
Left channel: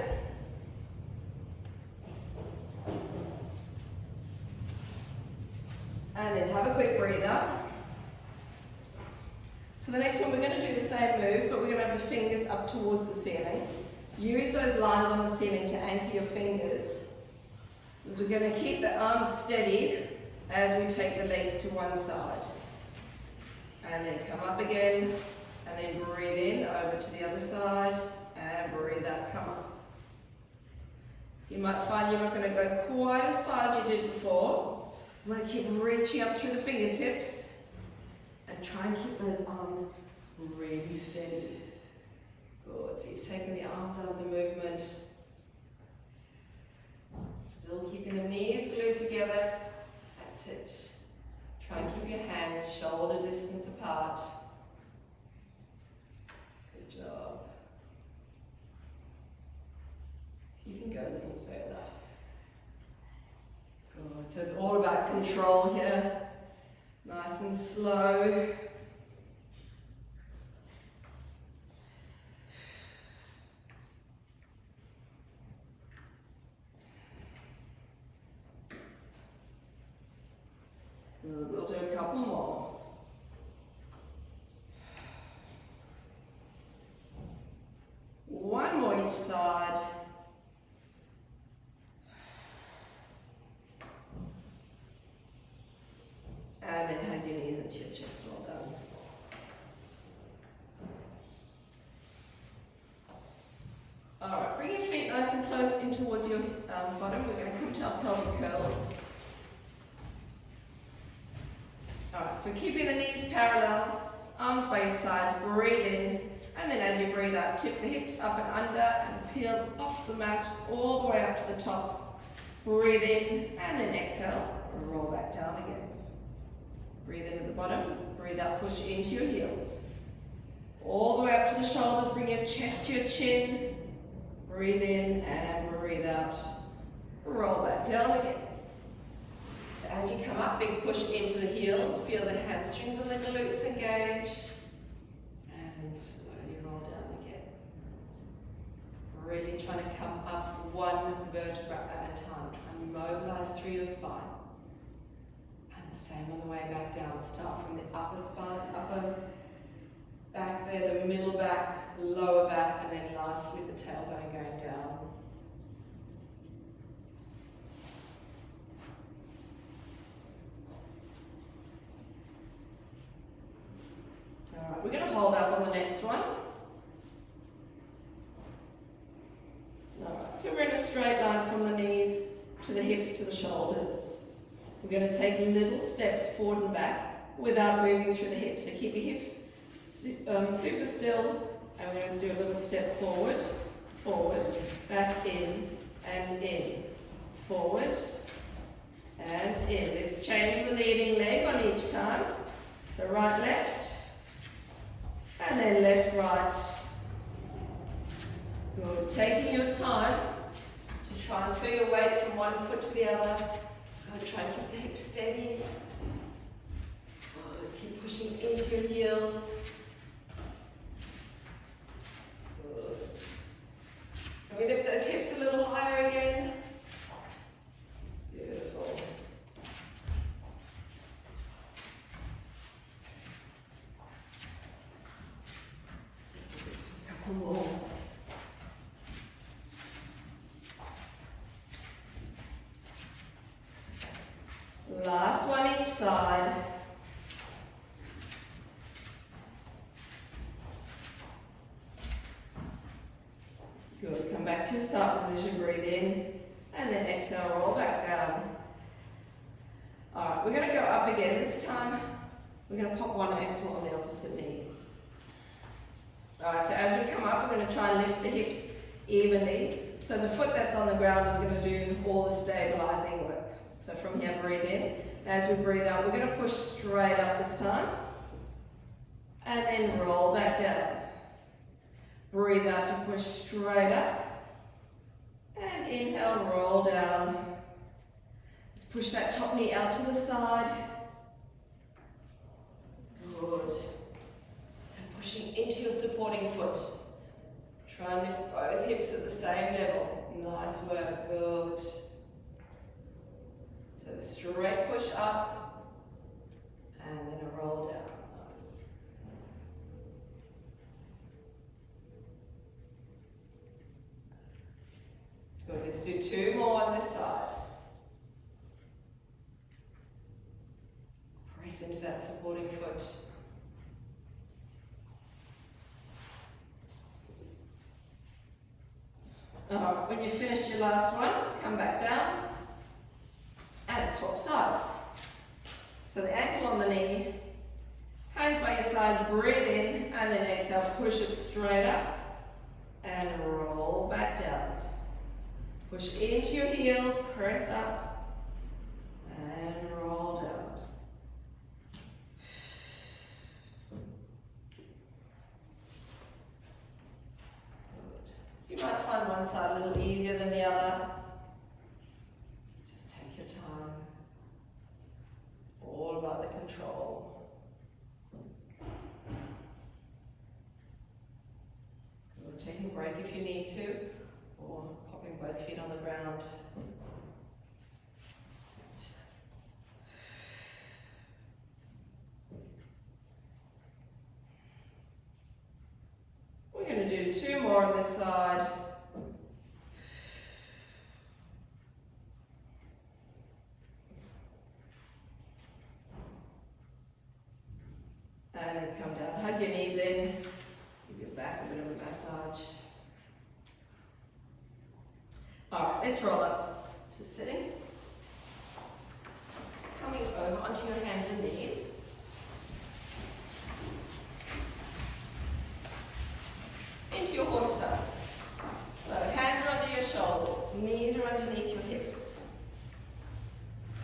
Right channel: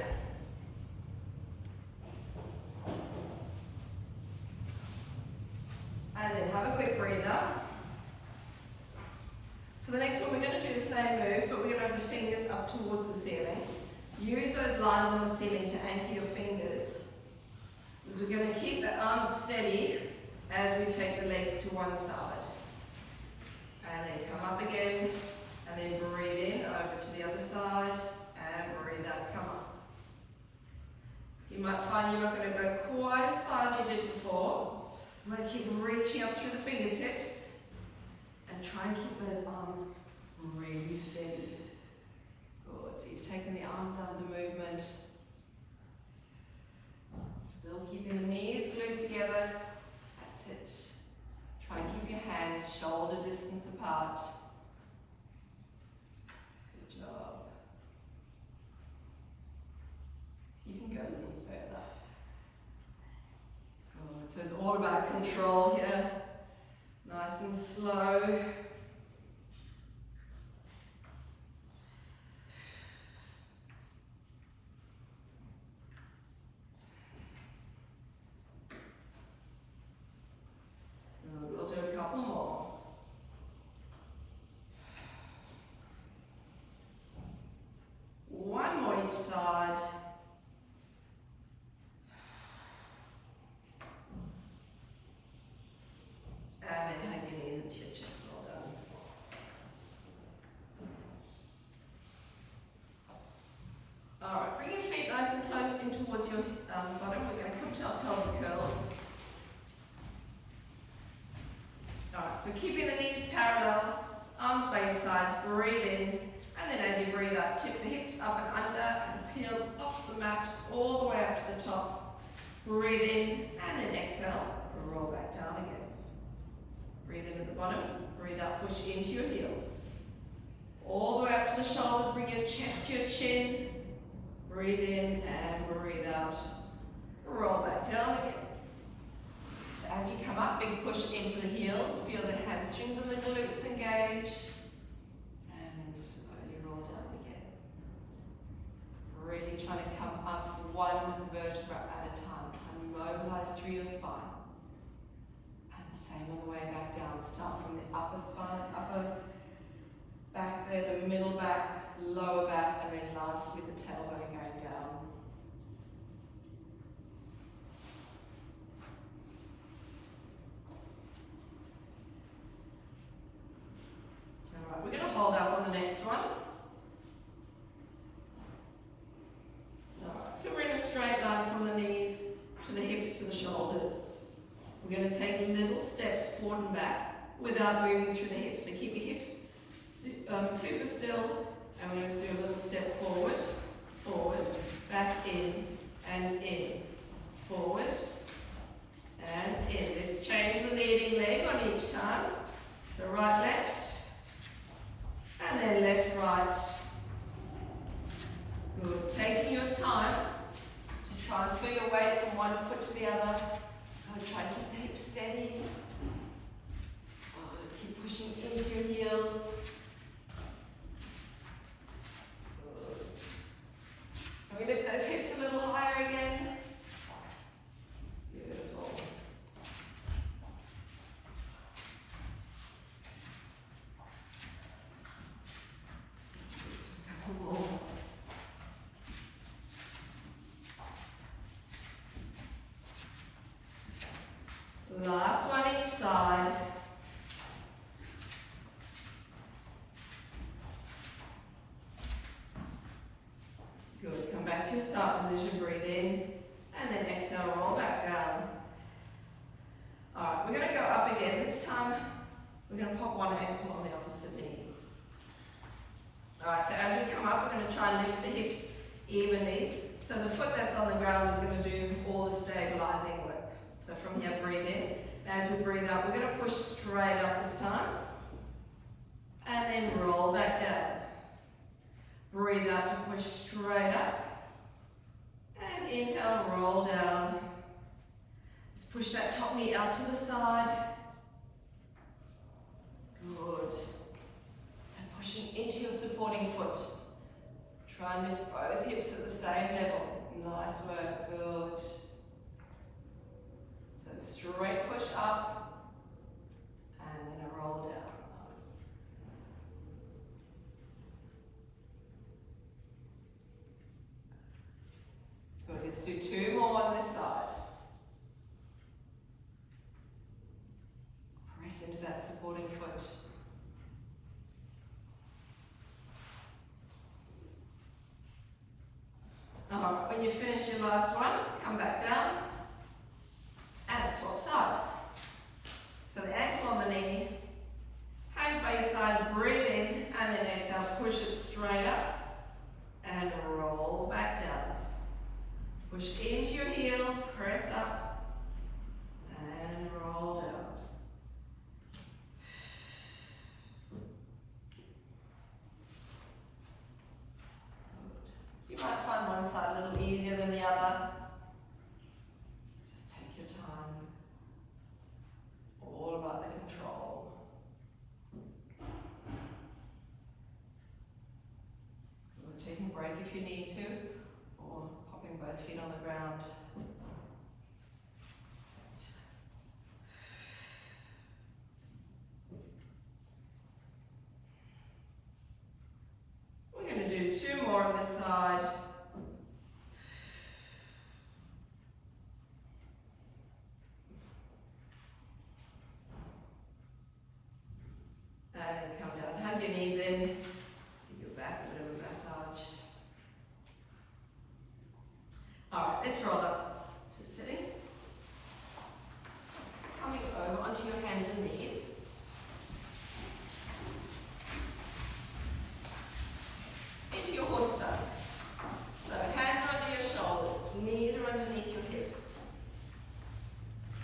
And then have a quick breather. So the next one, we're going to do the same move, but we're going to have your fingers up towards the ceiling. Use those lines on the ceiling to anchor your fingers. Because we're going to keep the arms steady as we take the legs to one side. And then come up again. And then breathe in, over to the other side, and breathe out, come up. So you might find you're not going to go quite as far as you did before. You want to keep reaching up through the fingertips, and try and keep those arms really steady. Good, so you've taken the arms out of the movement. Still keeping the knees glued together. That's it. Try and keep your hands shoulder distance apart. Job. So you can go a little further. Good. So it's all about control here. Nice and slow. Good. We'll do a couple more. One more each side. And then hug your knees into your chest, well done. Alright, bring your feet nice and close in towards your bottom. We're going to come to our pelvic curls. Alright, so keeping the knees parallel, arms by your sides, breathe in. And then as you breathe out, tip the hips up and under and peel off the mat all the way up to the top. Breathe in and then exhale, roll back down again. Breathe in at the bottom, breathe out, push into your heels. All the way up to the shoulders, bring your chest to your chin. Breathe in and breathe out. Roll back down again. So as you come up, big push into the heels, feel the hamstrings and the glutes engage. Really trying to come up one vertebra at a time. Try and mobilize through your spine. And the same on the way back down. Start from the upper spine, upper back there, the middle back, lower back, and then lastly the tailbone going down. Alright, we're going to hold up on the next one. So we're in a straight line from the knees to the hips to the shoulders. We're going to take little steps forward and back without moving through the hips. So keep your hips super still, and we're going to do a little step forward, forward, back in, and in, forward, and in. Let's change the leading leg on each time. So right, left, and then left, right. Good. Taking your time to transfer your weight from one foot to the other. Good. Try and keep the hips steady. Good. Keep pushing into your heels. Good. Can we lift those hips a little higher again? Beautiful. Just a couple more. Last one each side. Good, come back to your start position, breathe in, and then exhale, roll back down. Alright, we're going to go up again. This time, we're going to pop one ankle on the opposite knee. Alright, so as we come up, we're going to try and lift the hips evenly. So the foot that's on the ground is going to do all the stabilizing work. So from here, breathe in. As we breathe out, we're going to push straight up this time. And then roll back down. Breathe out to push straight up. And inhale, roll down. Let's push that top knee out to the side. Good. So pushing into your supporting foot. Try and lift both hips at the same level. Nice work, good. So straight push up, and then a roll down. Nice. Good, let's do two more on this side. Press into that supporting foot. When you've finished your last one, come back down and swap sides. So the ankle on the knee, hands by your sides, breathe in, and then exhale, push it straight up and roll back down. Push into your heel, press up and roll down. You might find one side a little easier than the other. Just take your time. All about the control. Or taking a break if you need to, or popping both feet on the ground. We're going to do two more on this side. And then come down, hug your knees in, give your back a bit of a massage. Alright, let's roll up. So sitting, coming over onto your hands and knees. Into your horse stance. So hands are under your shoulders, knees are underneath your hips.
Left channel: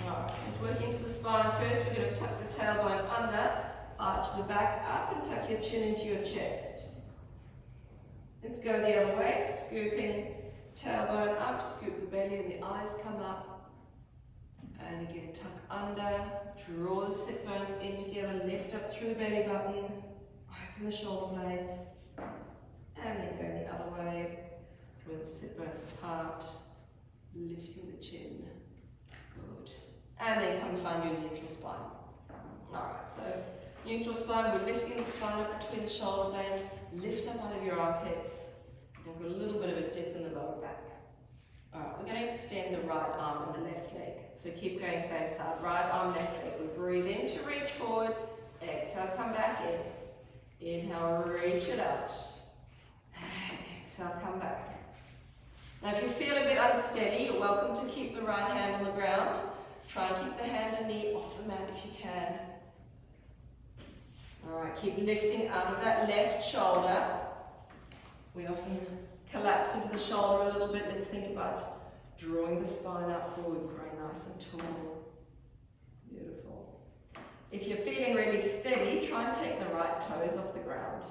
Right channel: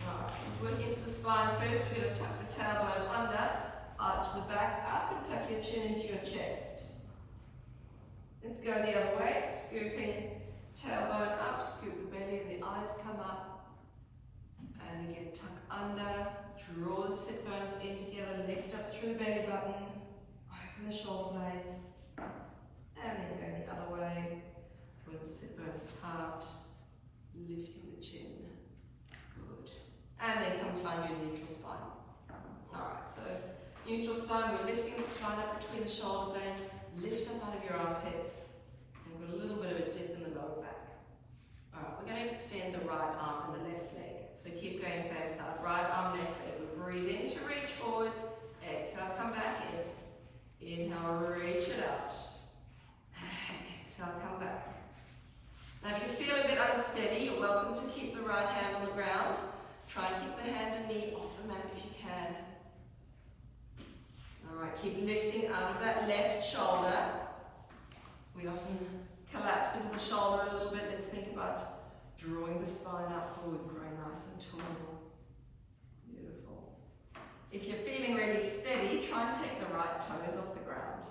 Alright, just working into the spine. First we're going to tuck the tailbone under, arch the back up and tuck your chin into your chest. Let's go the other way, scooping tailbone up, scoop the belly and the eyes come up. And again, tuck under, draw the sit bones in together, lift up through the belly button, open the shoulder blades. And then go the other way, draw the sit bones apart, lifting the chin. Good. And then come find your neutral spine. Alright, so neutral spine, we're lifting the spine up between the shoulder blades, lift up out of your armpits. We've got a little bit of a dip in the lower back. Alright, we're going to extend the right arm and the left leg. So keep going same side, right arm, left leg. We breathe in to reach forward, exhale, come back in. Inhale, reach it out. Exhale, come back. Now if you feel a bit unsteady, you're welcome to keep the right hand on the ground. Try and keep the hand and knee off the mat if you can. Alright, keep lifting out of that left shoulder. We often collapse into the shoulder a little bit. Let's think about drawing the spine up forward, growing nice and tall. Beautiful. If you're feeling really steady, try and take the right toes off the ground.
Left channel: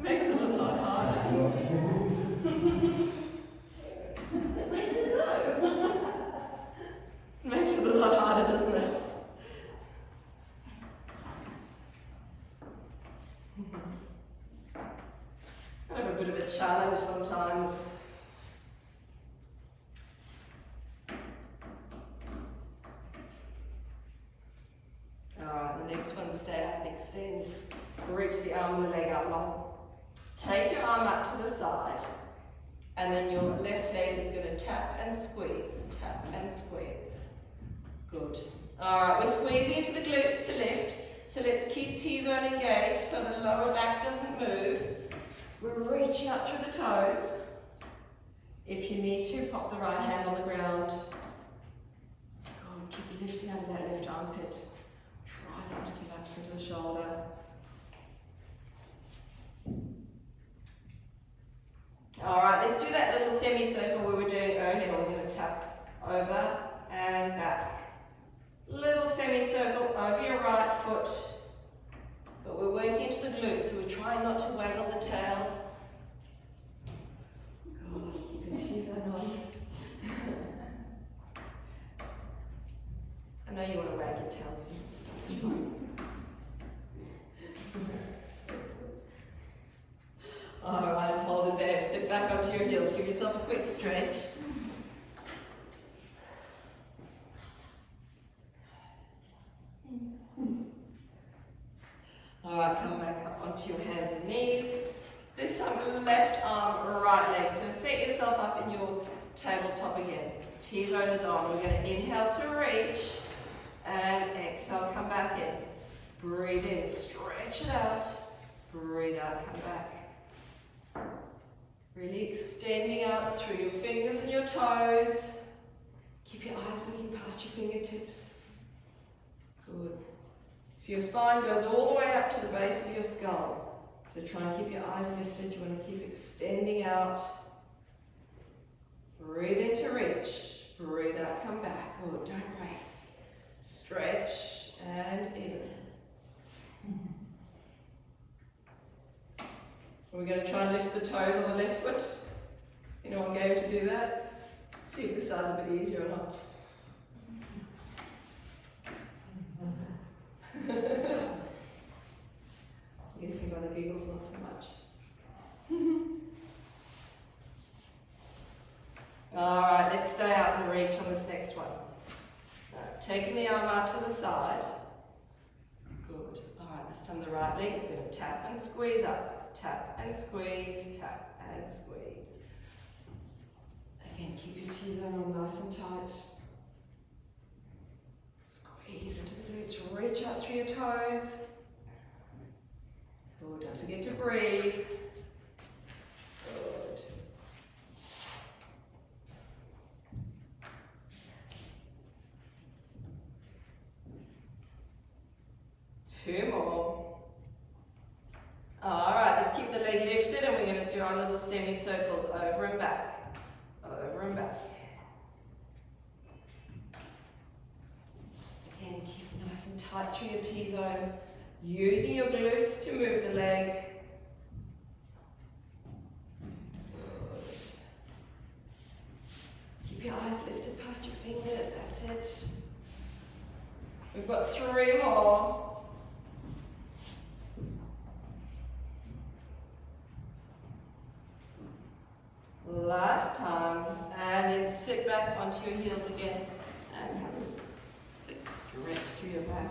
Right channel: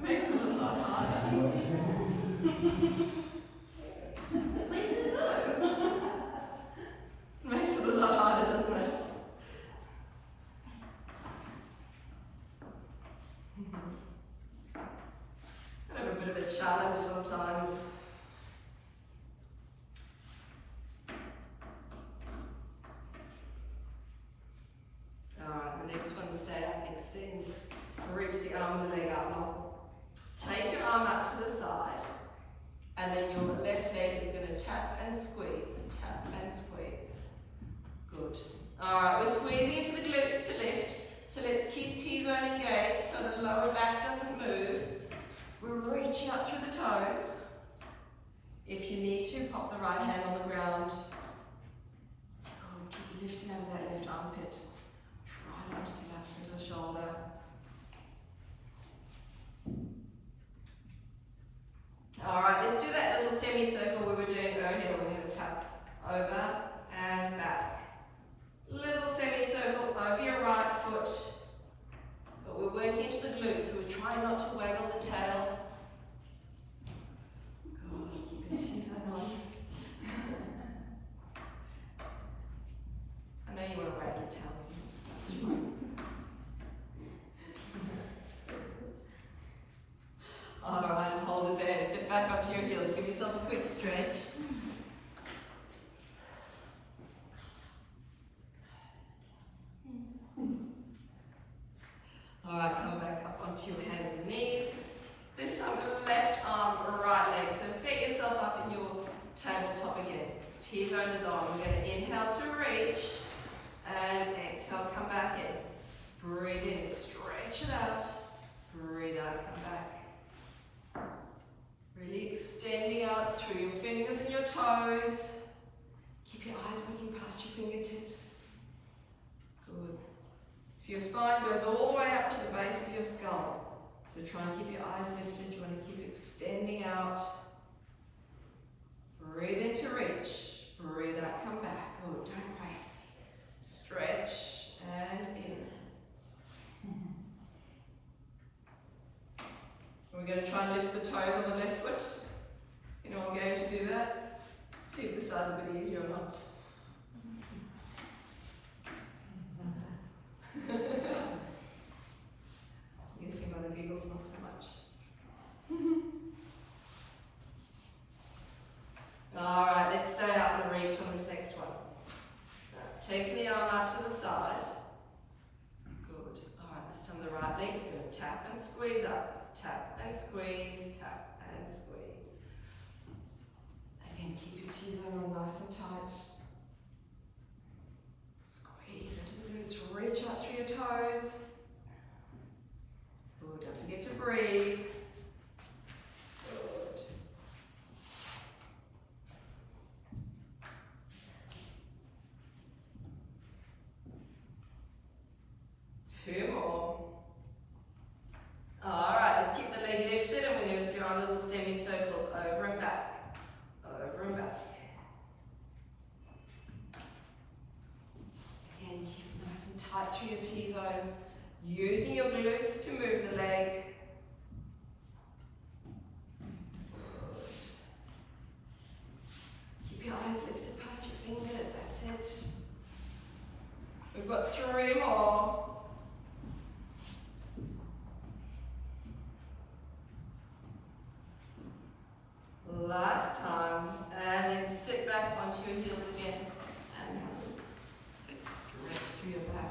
Makes it a lot harder. a challenge sometimes. Alright, the next one, stay up, extend. Reach the arm and the leg up long. Take your arm up to the side, and then your left leg is going to tap and squeeze, tap and squeeze. Good. Alright, we're squeezing into the glutes to lift, so let's keep T-zone engaged so the lower back doesn't move. We're reaching up through the toes. If you need to, pop the right hand on the ground. Good, keep you lifting out of that left armpit. Try not to collapse into the shoulder. Alright, let's do that little semicircle we were doing earlier. We're going to tap over and back. Little semicircle over your right foot. But we're working into the glutes, so we're trying not to waggle the tail. Good, keep your T-zone on. I know you want to wag your tail because it's so much fun. Alright, hold it there. Sit back onto your heels. Give yourself a quick stretch. Alright, come back up onto your hands and knees. This time left arm, right leg. So set yourself up in your tabletop again. T-zone is on. We're going to inhale to reach and exhale, come back in. Breathe in, stretch it out. Breathe out, come back. Really extending out through your fingers and your toes. Keep your eyes looking past your fingertips. Good. So your spine goes all the way up to the base of your skull. So try and keep your eyes lifted. You want to keep extending out. Breathe in to reach. Breathe out, come back. Good, don't race. Stretch and in. We're going to try and lift the toes on the left foot. Anyone going to do that? See if this side's a bit easier or not. I'm guessing by the giggles, not so much. Alright, let's stay up and reach on this next one. Taking the arm out to the side. Good. Alright, this time the right leg is going to tap and squeeze up. Tap and squeeze, tap and squeeze. Again, keep your T-zone on nice and tight. Squeeze into the glutes, reach out through your toes. Oh, don't forget to breathe. Good. Two more. Alright, let's keep the leg lifted and we're going to do our little semicircles over and back. Over and back. Again, keep it nice and tight through your T-zone. Using your glutes to move the leg. Good. Keep your eyes lifted past your fingers, that's it. We've got three more. Last time, and then sit back onto your heels again and have a big stretch through your back.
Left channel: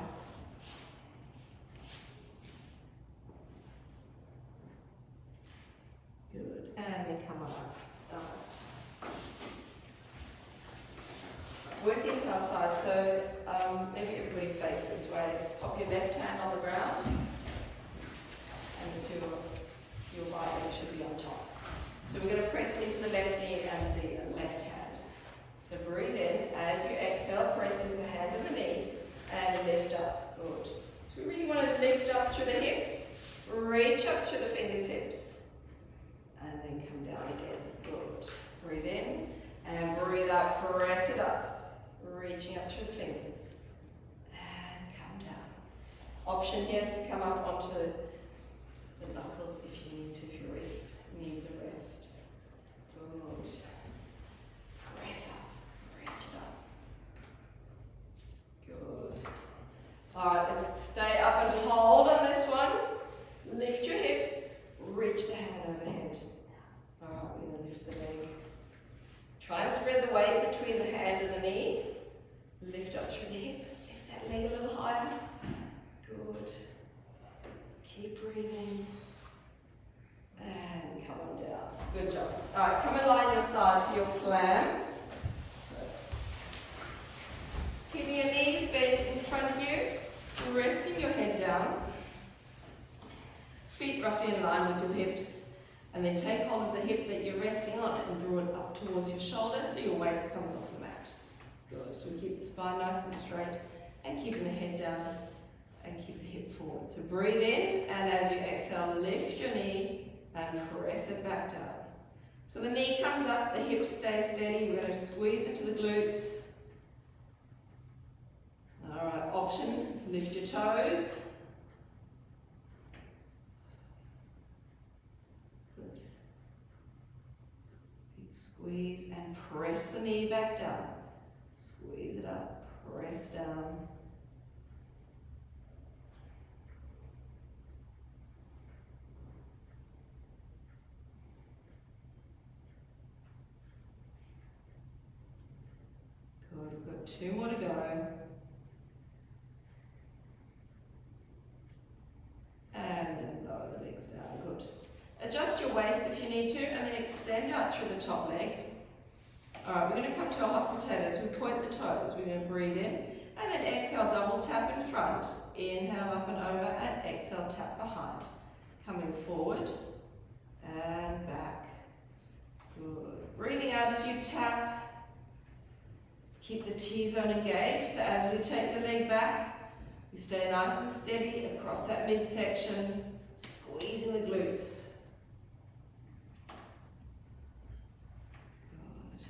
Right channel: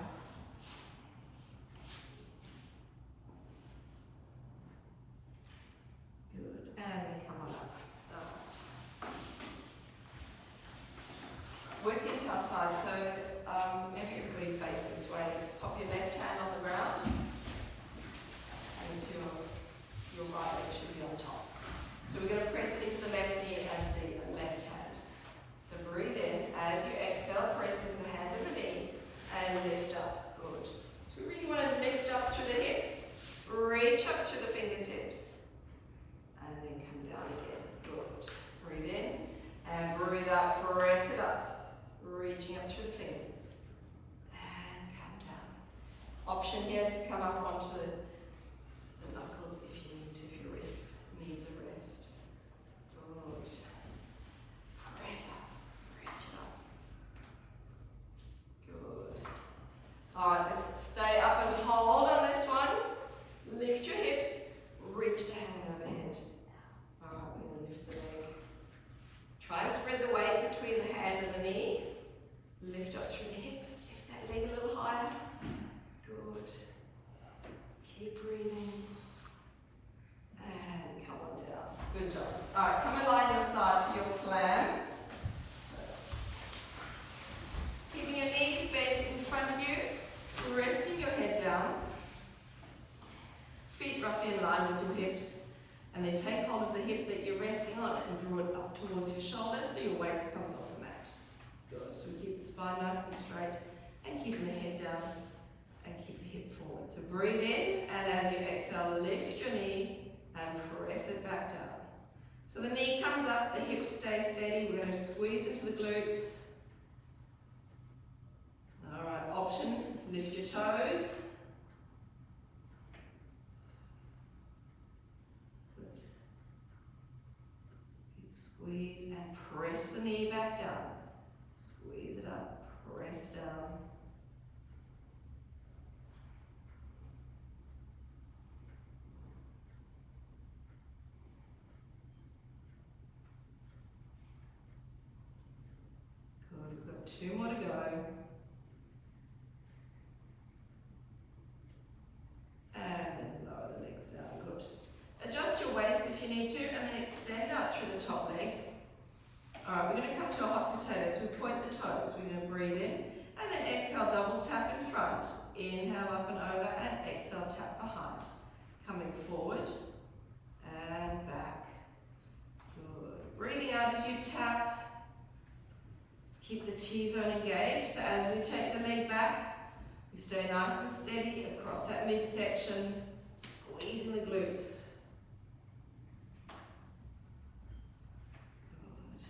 Good, and then come on up. Alright. Working to our side, so maybe everybody face this way. Pop your left hand on the ground, and your right leg should be on top. So we're going to press into the left knee and the left hand. So breathe in. As you exhale, press into the hand and the knee and lift up. Good. So we really want to lift up through the hips, reach up through the fingertips, and then come down again. Good. Breathe in and breathe out. Press it up, reaching up through the fingers and come down. Option here is to come up onto the knuckles if you need to, if your wrist needs a rest. Good. Press up, reach it up. Good. Alright, let's stay up and hold on this one. Lift your hips, reach the hand overhead. Try and spread the weight between the hand and the knee. Lift up through the hip. Lift that leg a little higher. Good. Keep breathing. And come on down. Good job. All right, come and lie on your side for your plan. Keeping your knees bent in front of you, resting your head down. Feet roughly in line with your hips. And then take hold of the hip that you're resting on and draw it up towards your shoulder so your waist comes off the mat. Good. So we keep the spine nice and straight and keeping the head down and keep the hip forward. So breathe in, and as you exhale, lift your knee and press it back down. So the knee comes up, the hips stay steady. We're going to squeeze into the glutes. All right, option is lift your toes. Good. Big squeeze and press the knee back down. Squeeze it up, press down. Good, we've got 2 more to go. And then lower the legs down, good. Adjust your waist if you need to, and then extend out through the top leg. All right, we're going to come to a hot potato, so we point the toes. We're going to breathe in, and then exhale, double tap in front. Inhale up and over, and exhale, tap behind. Coming forward, and back. Good. Breathing out as you tap. Let's keep the T-zone engaged, so as we take the leg back, we stay nice and steady across that midsection, squeezing the glutes. Good.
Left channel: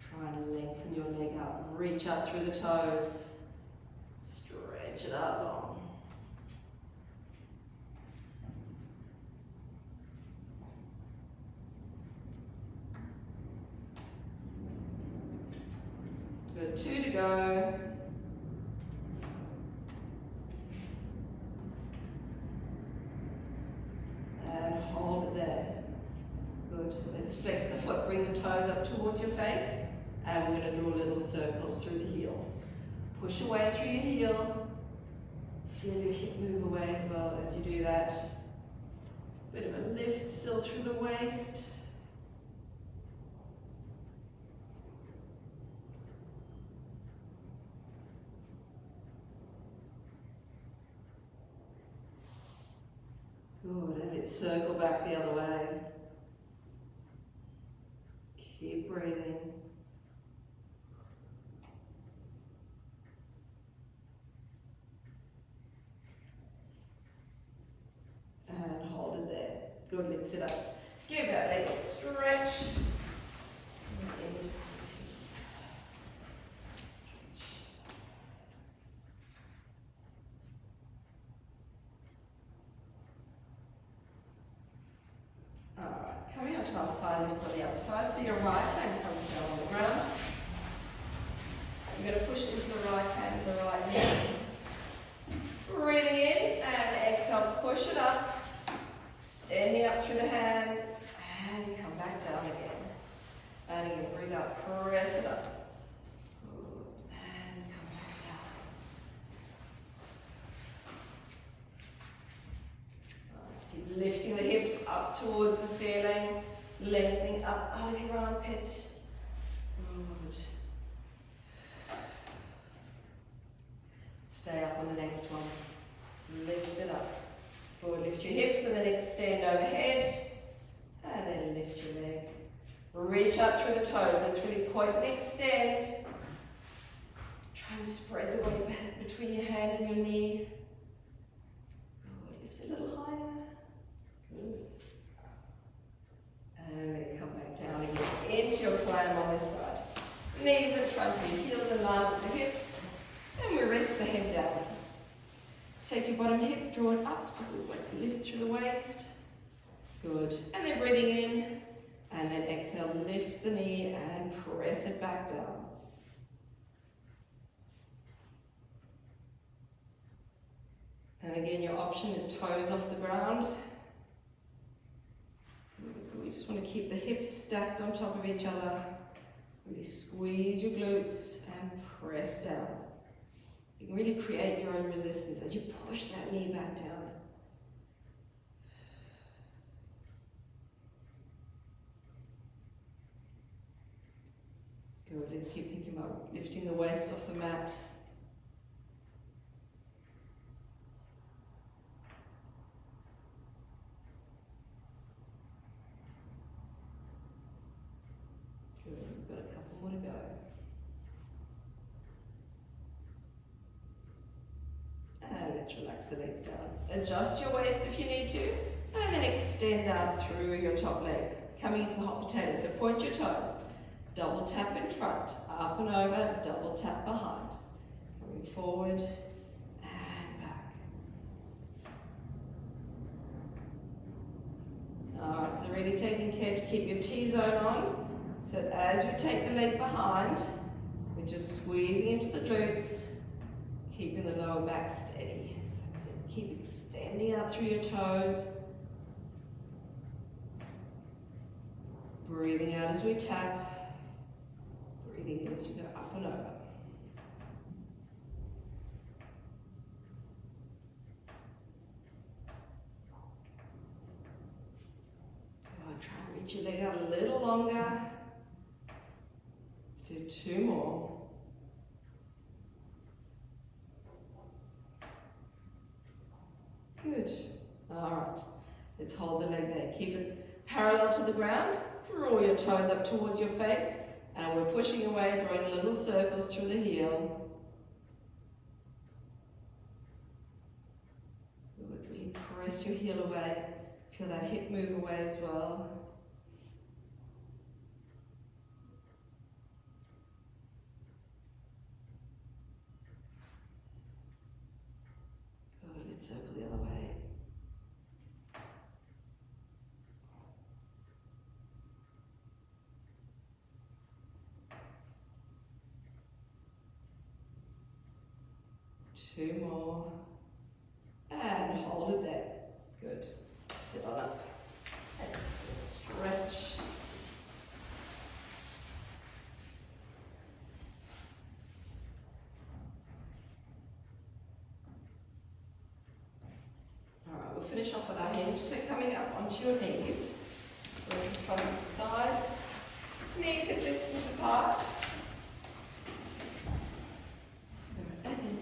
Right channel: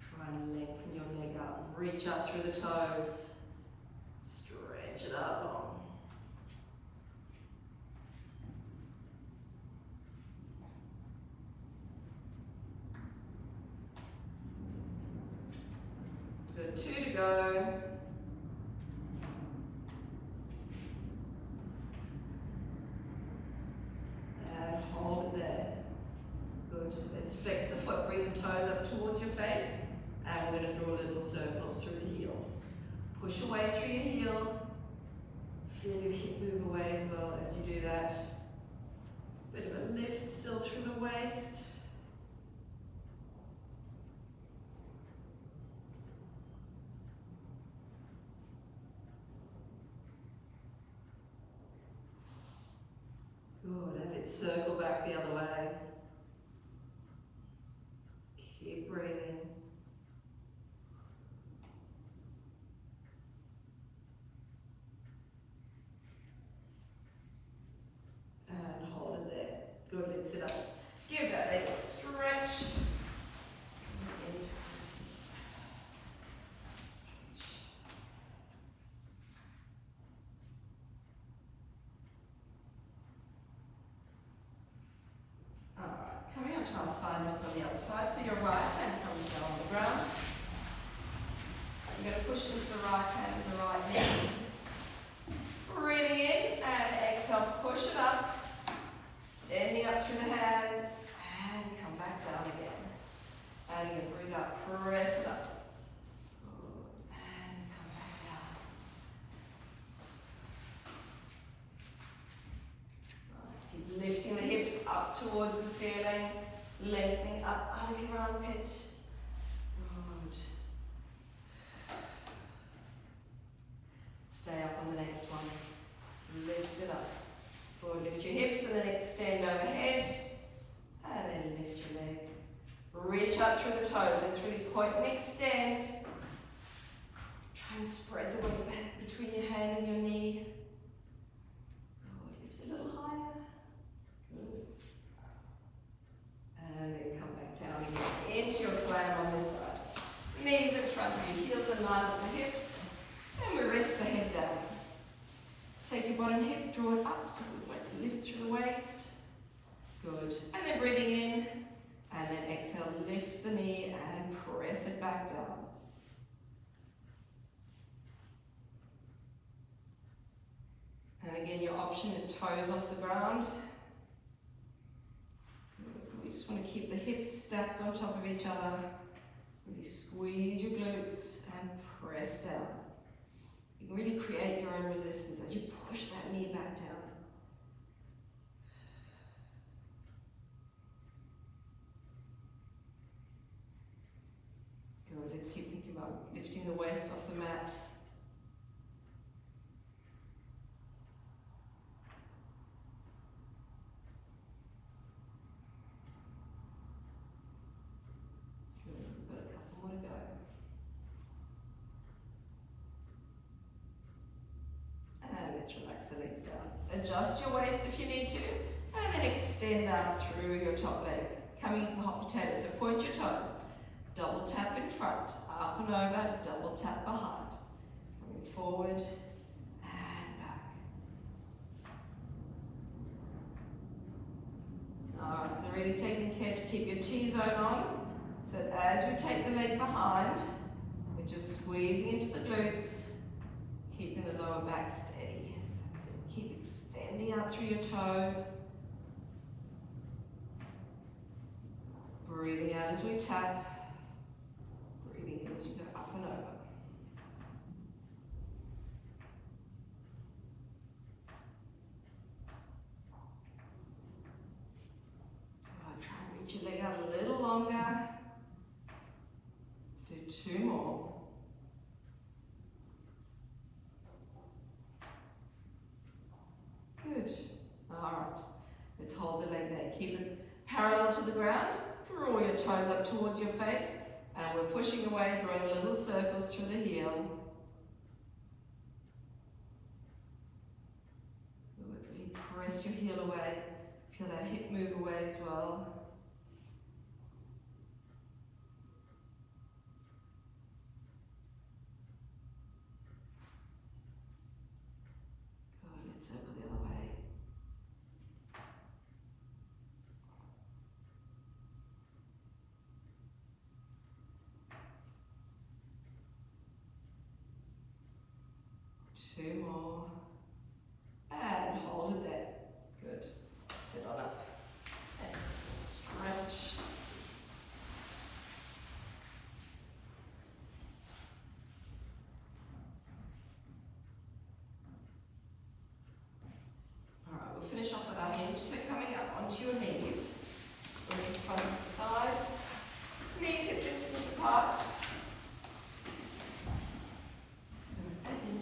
Try and lengthen your leg out. Reach up through the toes. Stretch it out long. Good, 2 to go. And hold it there. Good. Let's flex the foot, bring the toes up towards your face, and we're going to draw little circles through the heel. Push away through your heel. Feel your hip move away as well as you do that. Bit of a lift still through the waist. Good, and let's circle back the other way. Keep breathing. And hold it there. Good, let's sit up. Give that leg a stretch. Our side lifts on the other side, so your right hand comes down on the ground. We're going to push into the right hand and the right knee. Breathing in and exhale, push it up, standing up through the hand, and come back down again. And you're going to breathe out, press it up. Good. And come back down. Let's keep lifting the hips up towards the ceiling. Lengthening up out of your armpit. Good. Stay up on the next one. Lift it up. Good. Lift your hips and then extend overhead. And then lift your leg. Reach out through the toes. Let's really point and extend. Try and spread the weight back between your hand and your knee. Good. Lift a little higher. Good. And then come back down again into your clam on this side. Knees in front of you, heels in line with the hips. And we rest the head down. Take your bottom hip, draw it up so we lift through the waist. Good. And then breathing in. And then exhale, lift the knee and press it back down. And again, your option is toes off the ground. just want to keep the hips stacked on top of each other. Really squeeze your glutes and press down. You can really create your own resistance as you push that knee back down. Good, let's keep thinking about lifting the waist off the mat. Good, we've got a couple more to go. And let's relax the legs down. Adjust your waist if you need to, and then extend out through your top leg, coming into the hot potato. So point your toes, double tap in front, up and over, double tap behind. Coming forward and back. Alright, so really taking care to keep your T-zone on. So as we take the leg behind, we're just squeezing into the glutes, keeping the lower back steady. That's it. Keep extending out through your toes. Breathing out as we tap. Breathing in as you go up and over. Good. Try and reach your leg out a little longer. Let's do 2 more. Good. Alright. Let's hold the leg there. Keep it parallel to the ground. Draw your toes up towards your face. And we're pushing away, drawing little circles through the heel. Good. Really press your heel away. Feel that hip move away as well. Good. Let's circle the other way. Two more, and hold it there. Good. Sit on up. Let's stretch. All right, we'll finish off with our hinge. So coming up onto your knees, working front of the thighs, knees hip distance apart.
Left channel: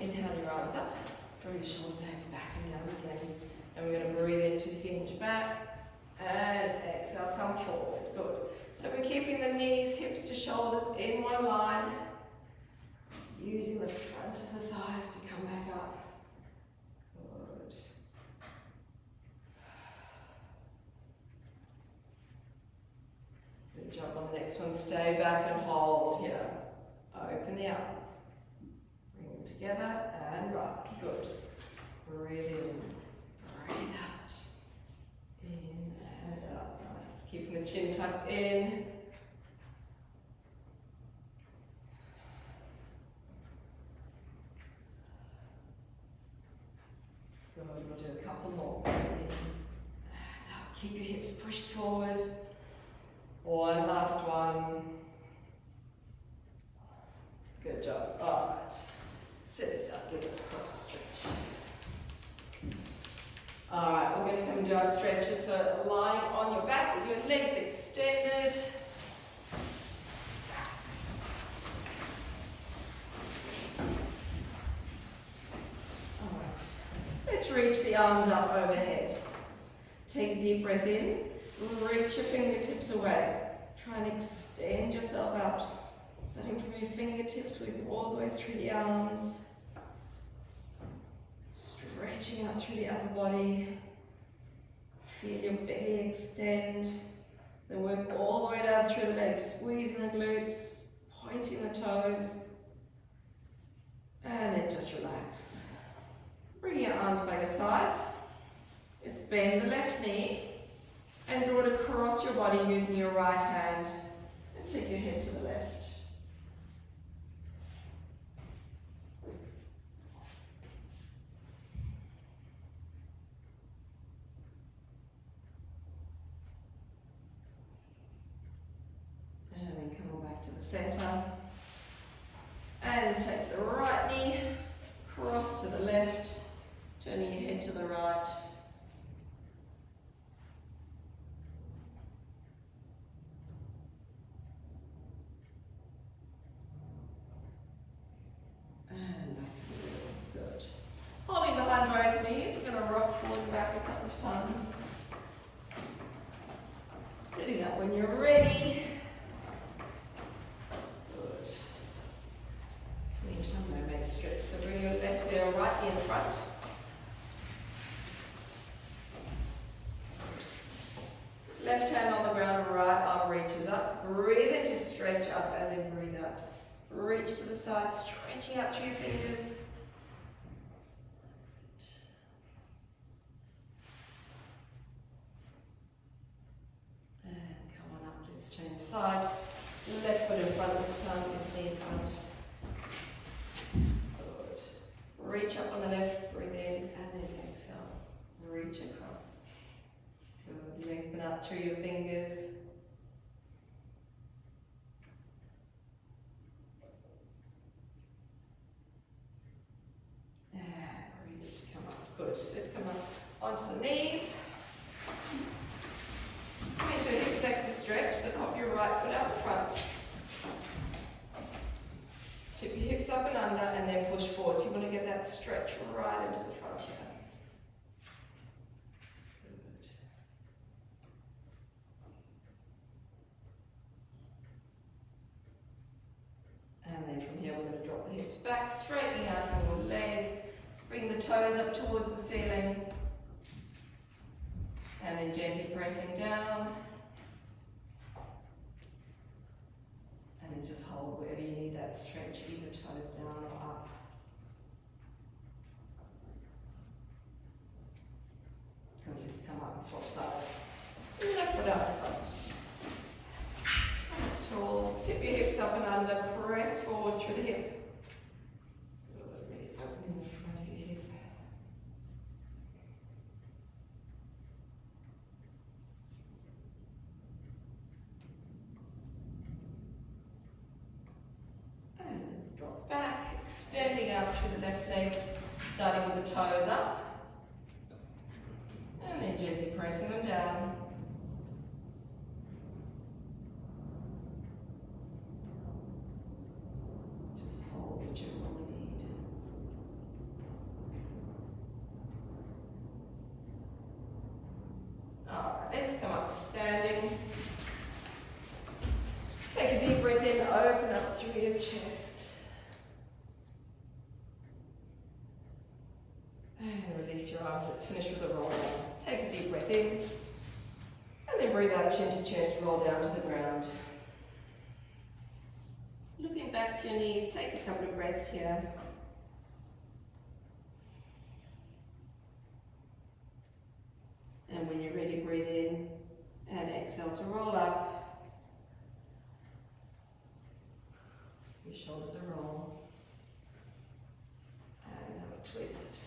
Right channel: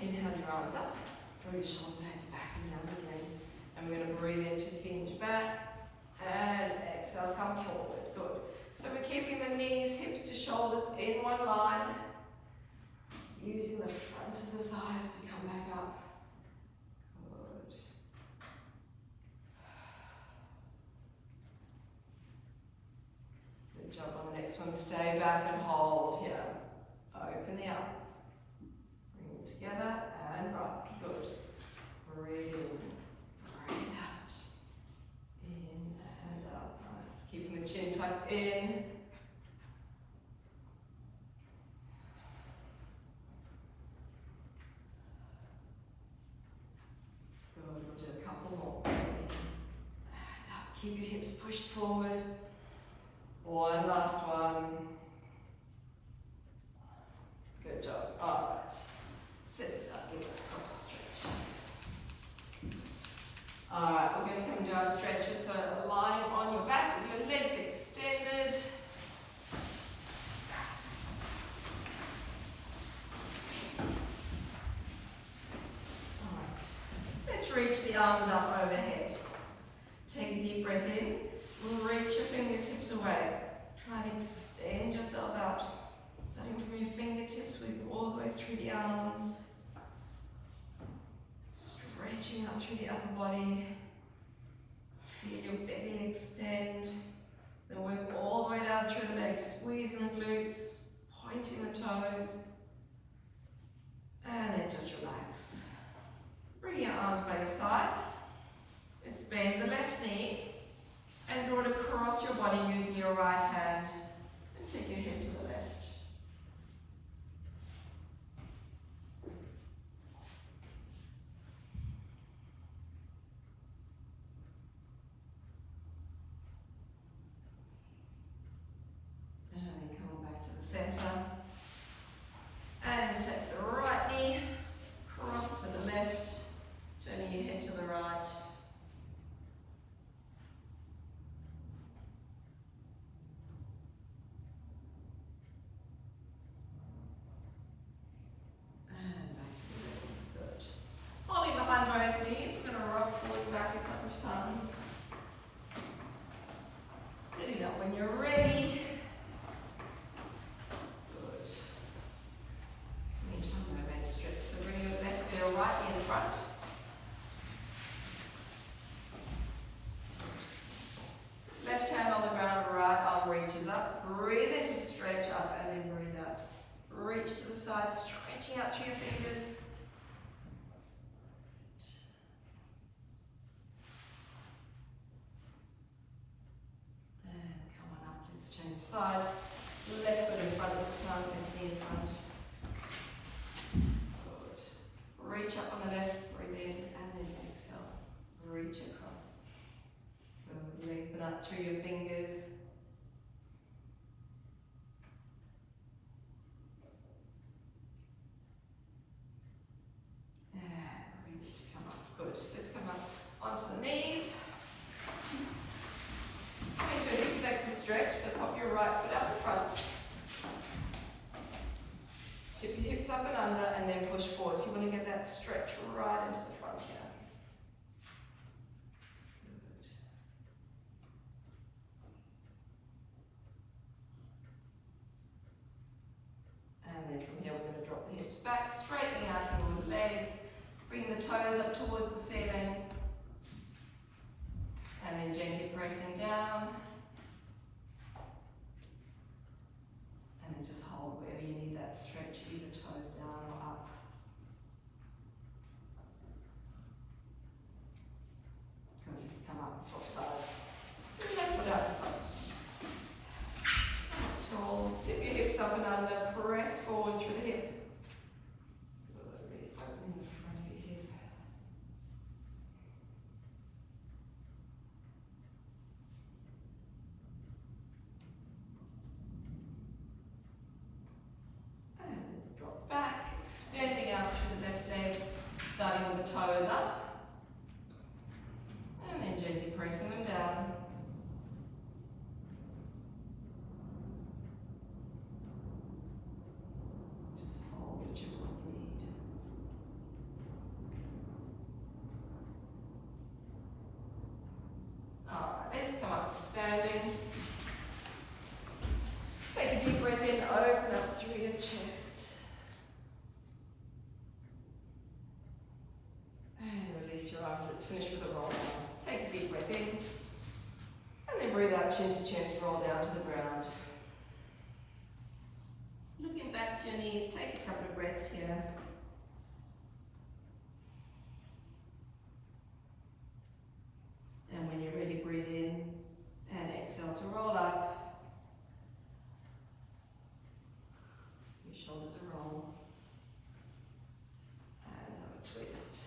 Inhale your arms up, draw your shoulder blades back and down again. And we're going to breathe into hinge back and exhale, come forward. Good. So we're keeping the knees, hips to shoulders in one line, using the front of the thighs to come back up. Good. Good job on the next one. Stay back and hold here. Open the arms. Together and rise. Good. Breathe in, breathe out. In and out. Nice. Keeping the chin tucked in. Good. We'll do a couple more. In and out. Keep your hips pushed forward. One last one. Good job. All right. Sit it up, give us lots of stretch. Alright, we're going to come and do our stretches. So lying on your back with your legs extended. Alright, let's reach the arms up overhead. Take a deep breath in, reach your fingertips away. Try and extend yourself out. Starting from your fingertips, moving all the way through the arms. Stretching out through the upper body. Feel your belly extend. Then work all the way down through the legs, squeezing the glutes, pointing the toes. And then just relax. Bring your arms by your sides. Let's bend the left knee and draw it across your body using your right hand. And take your head to the left. center. And take the right knee, cross to the left, turning your head to the right. And back to the middle. Good. Holding behind both knees, we're going to rock forward and back a couple of times. Sitting up when you're ready. Good. Meantime, mermaid stretch. So bring your left heel right in front. Left hand on the ground, right arm reaches up. Breathe in to stretch up and then breathe out. Reach to the side, stretching out through your fingers. Change sides. Left foot in front this time, left knee in front. Good. Reach up on the left, breathe in, and then exhale. Reach across. Good. Lengthen up through your fingers. And breathe it to come up. Good. Let's come up onto the knees. Into a hip flexor stretch, so pop your right foot out the front. Tip your hips up and under and then push forward. So you want to get that stretch right into the front here. Good. And then from here we're going to drop the hips back, straightening out your leg. Bring the toes up towards the ceiling. And then gently pressing down. And then just hold wherever you need that stretch, either toes down or up. Good, let's come up and swap sides. Left foot up front. Stand tall, tip your hips up and under, press forward through the hip. Good, really opening the front of your hip. Drop back, extending out through the left leg, starting with the toes up, and then gently pressing them down. Just hold whichever one you need. Alright, let's come up to standing. Take a deep breath in, open up through your chest. And release your arms. Let's finish with a roll down. Take a deep breath in. And then breathe out, chin to chest, roll down to the ground. Looking back to your knees, take a couple of breaths here. And when you're ready, breathe in and exhale to roll up. Your shoulders are roll. And have a twist.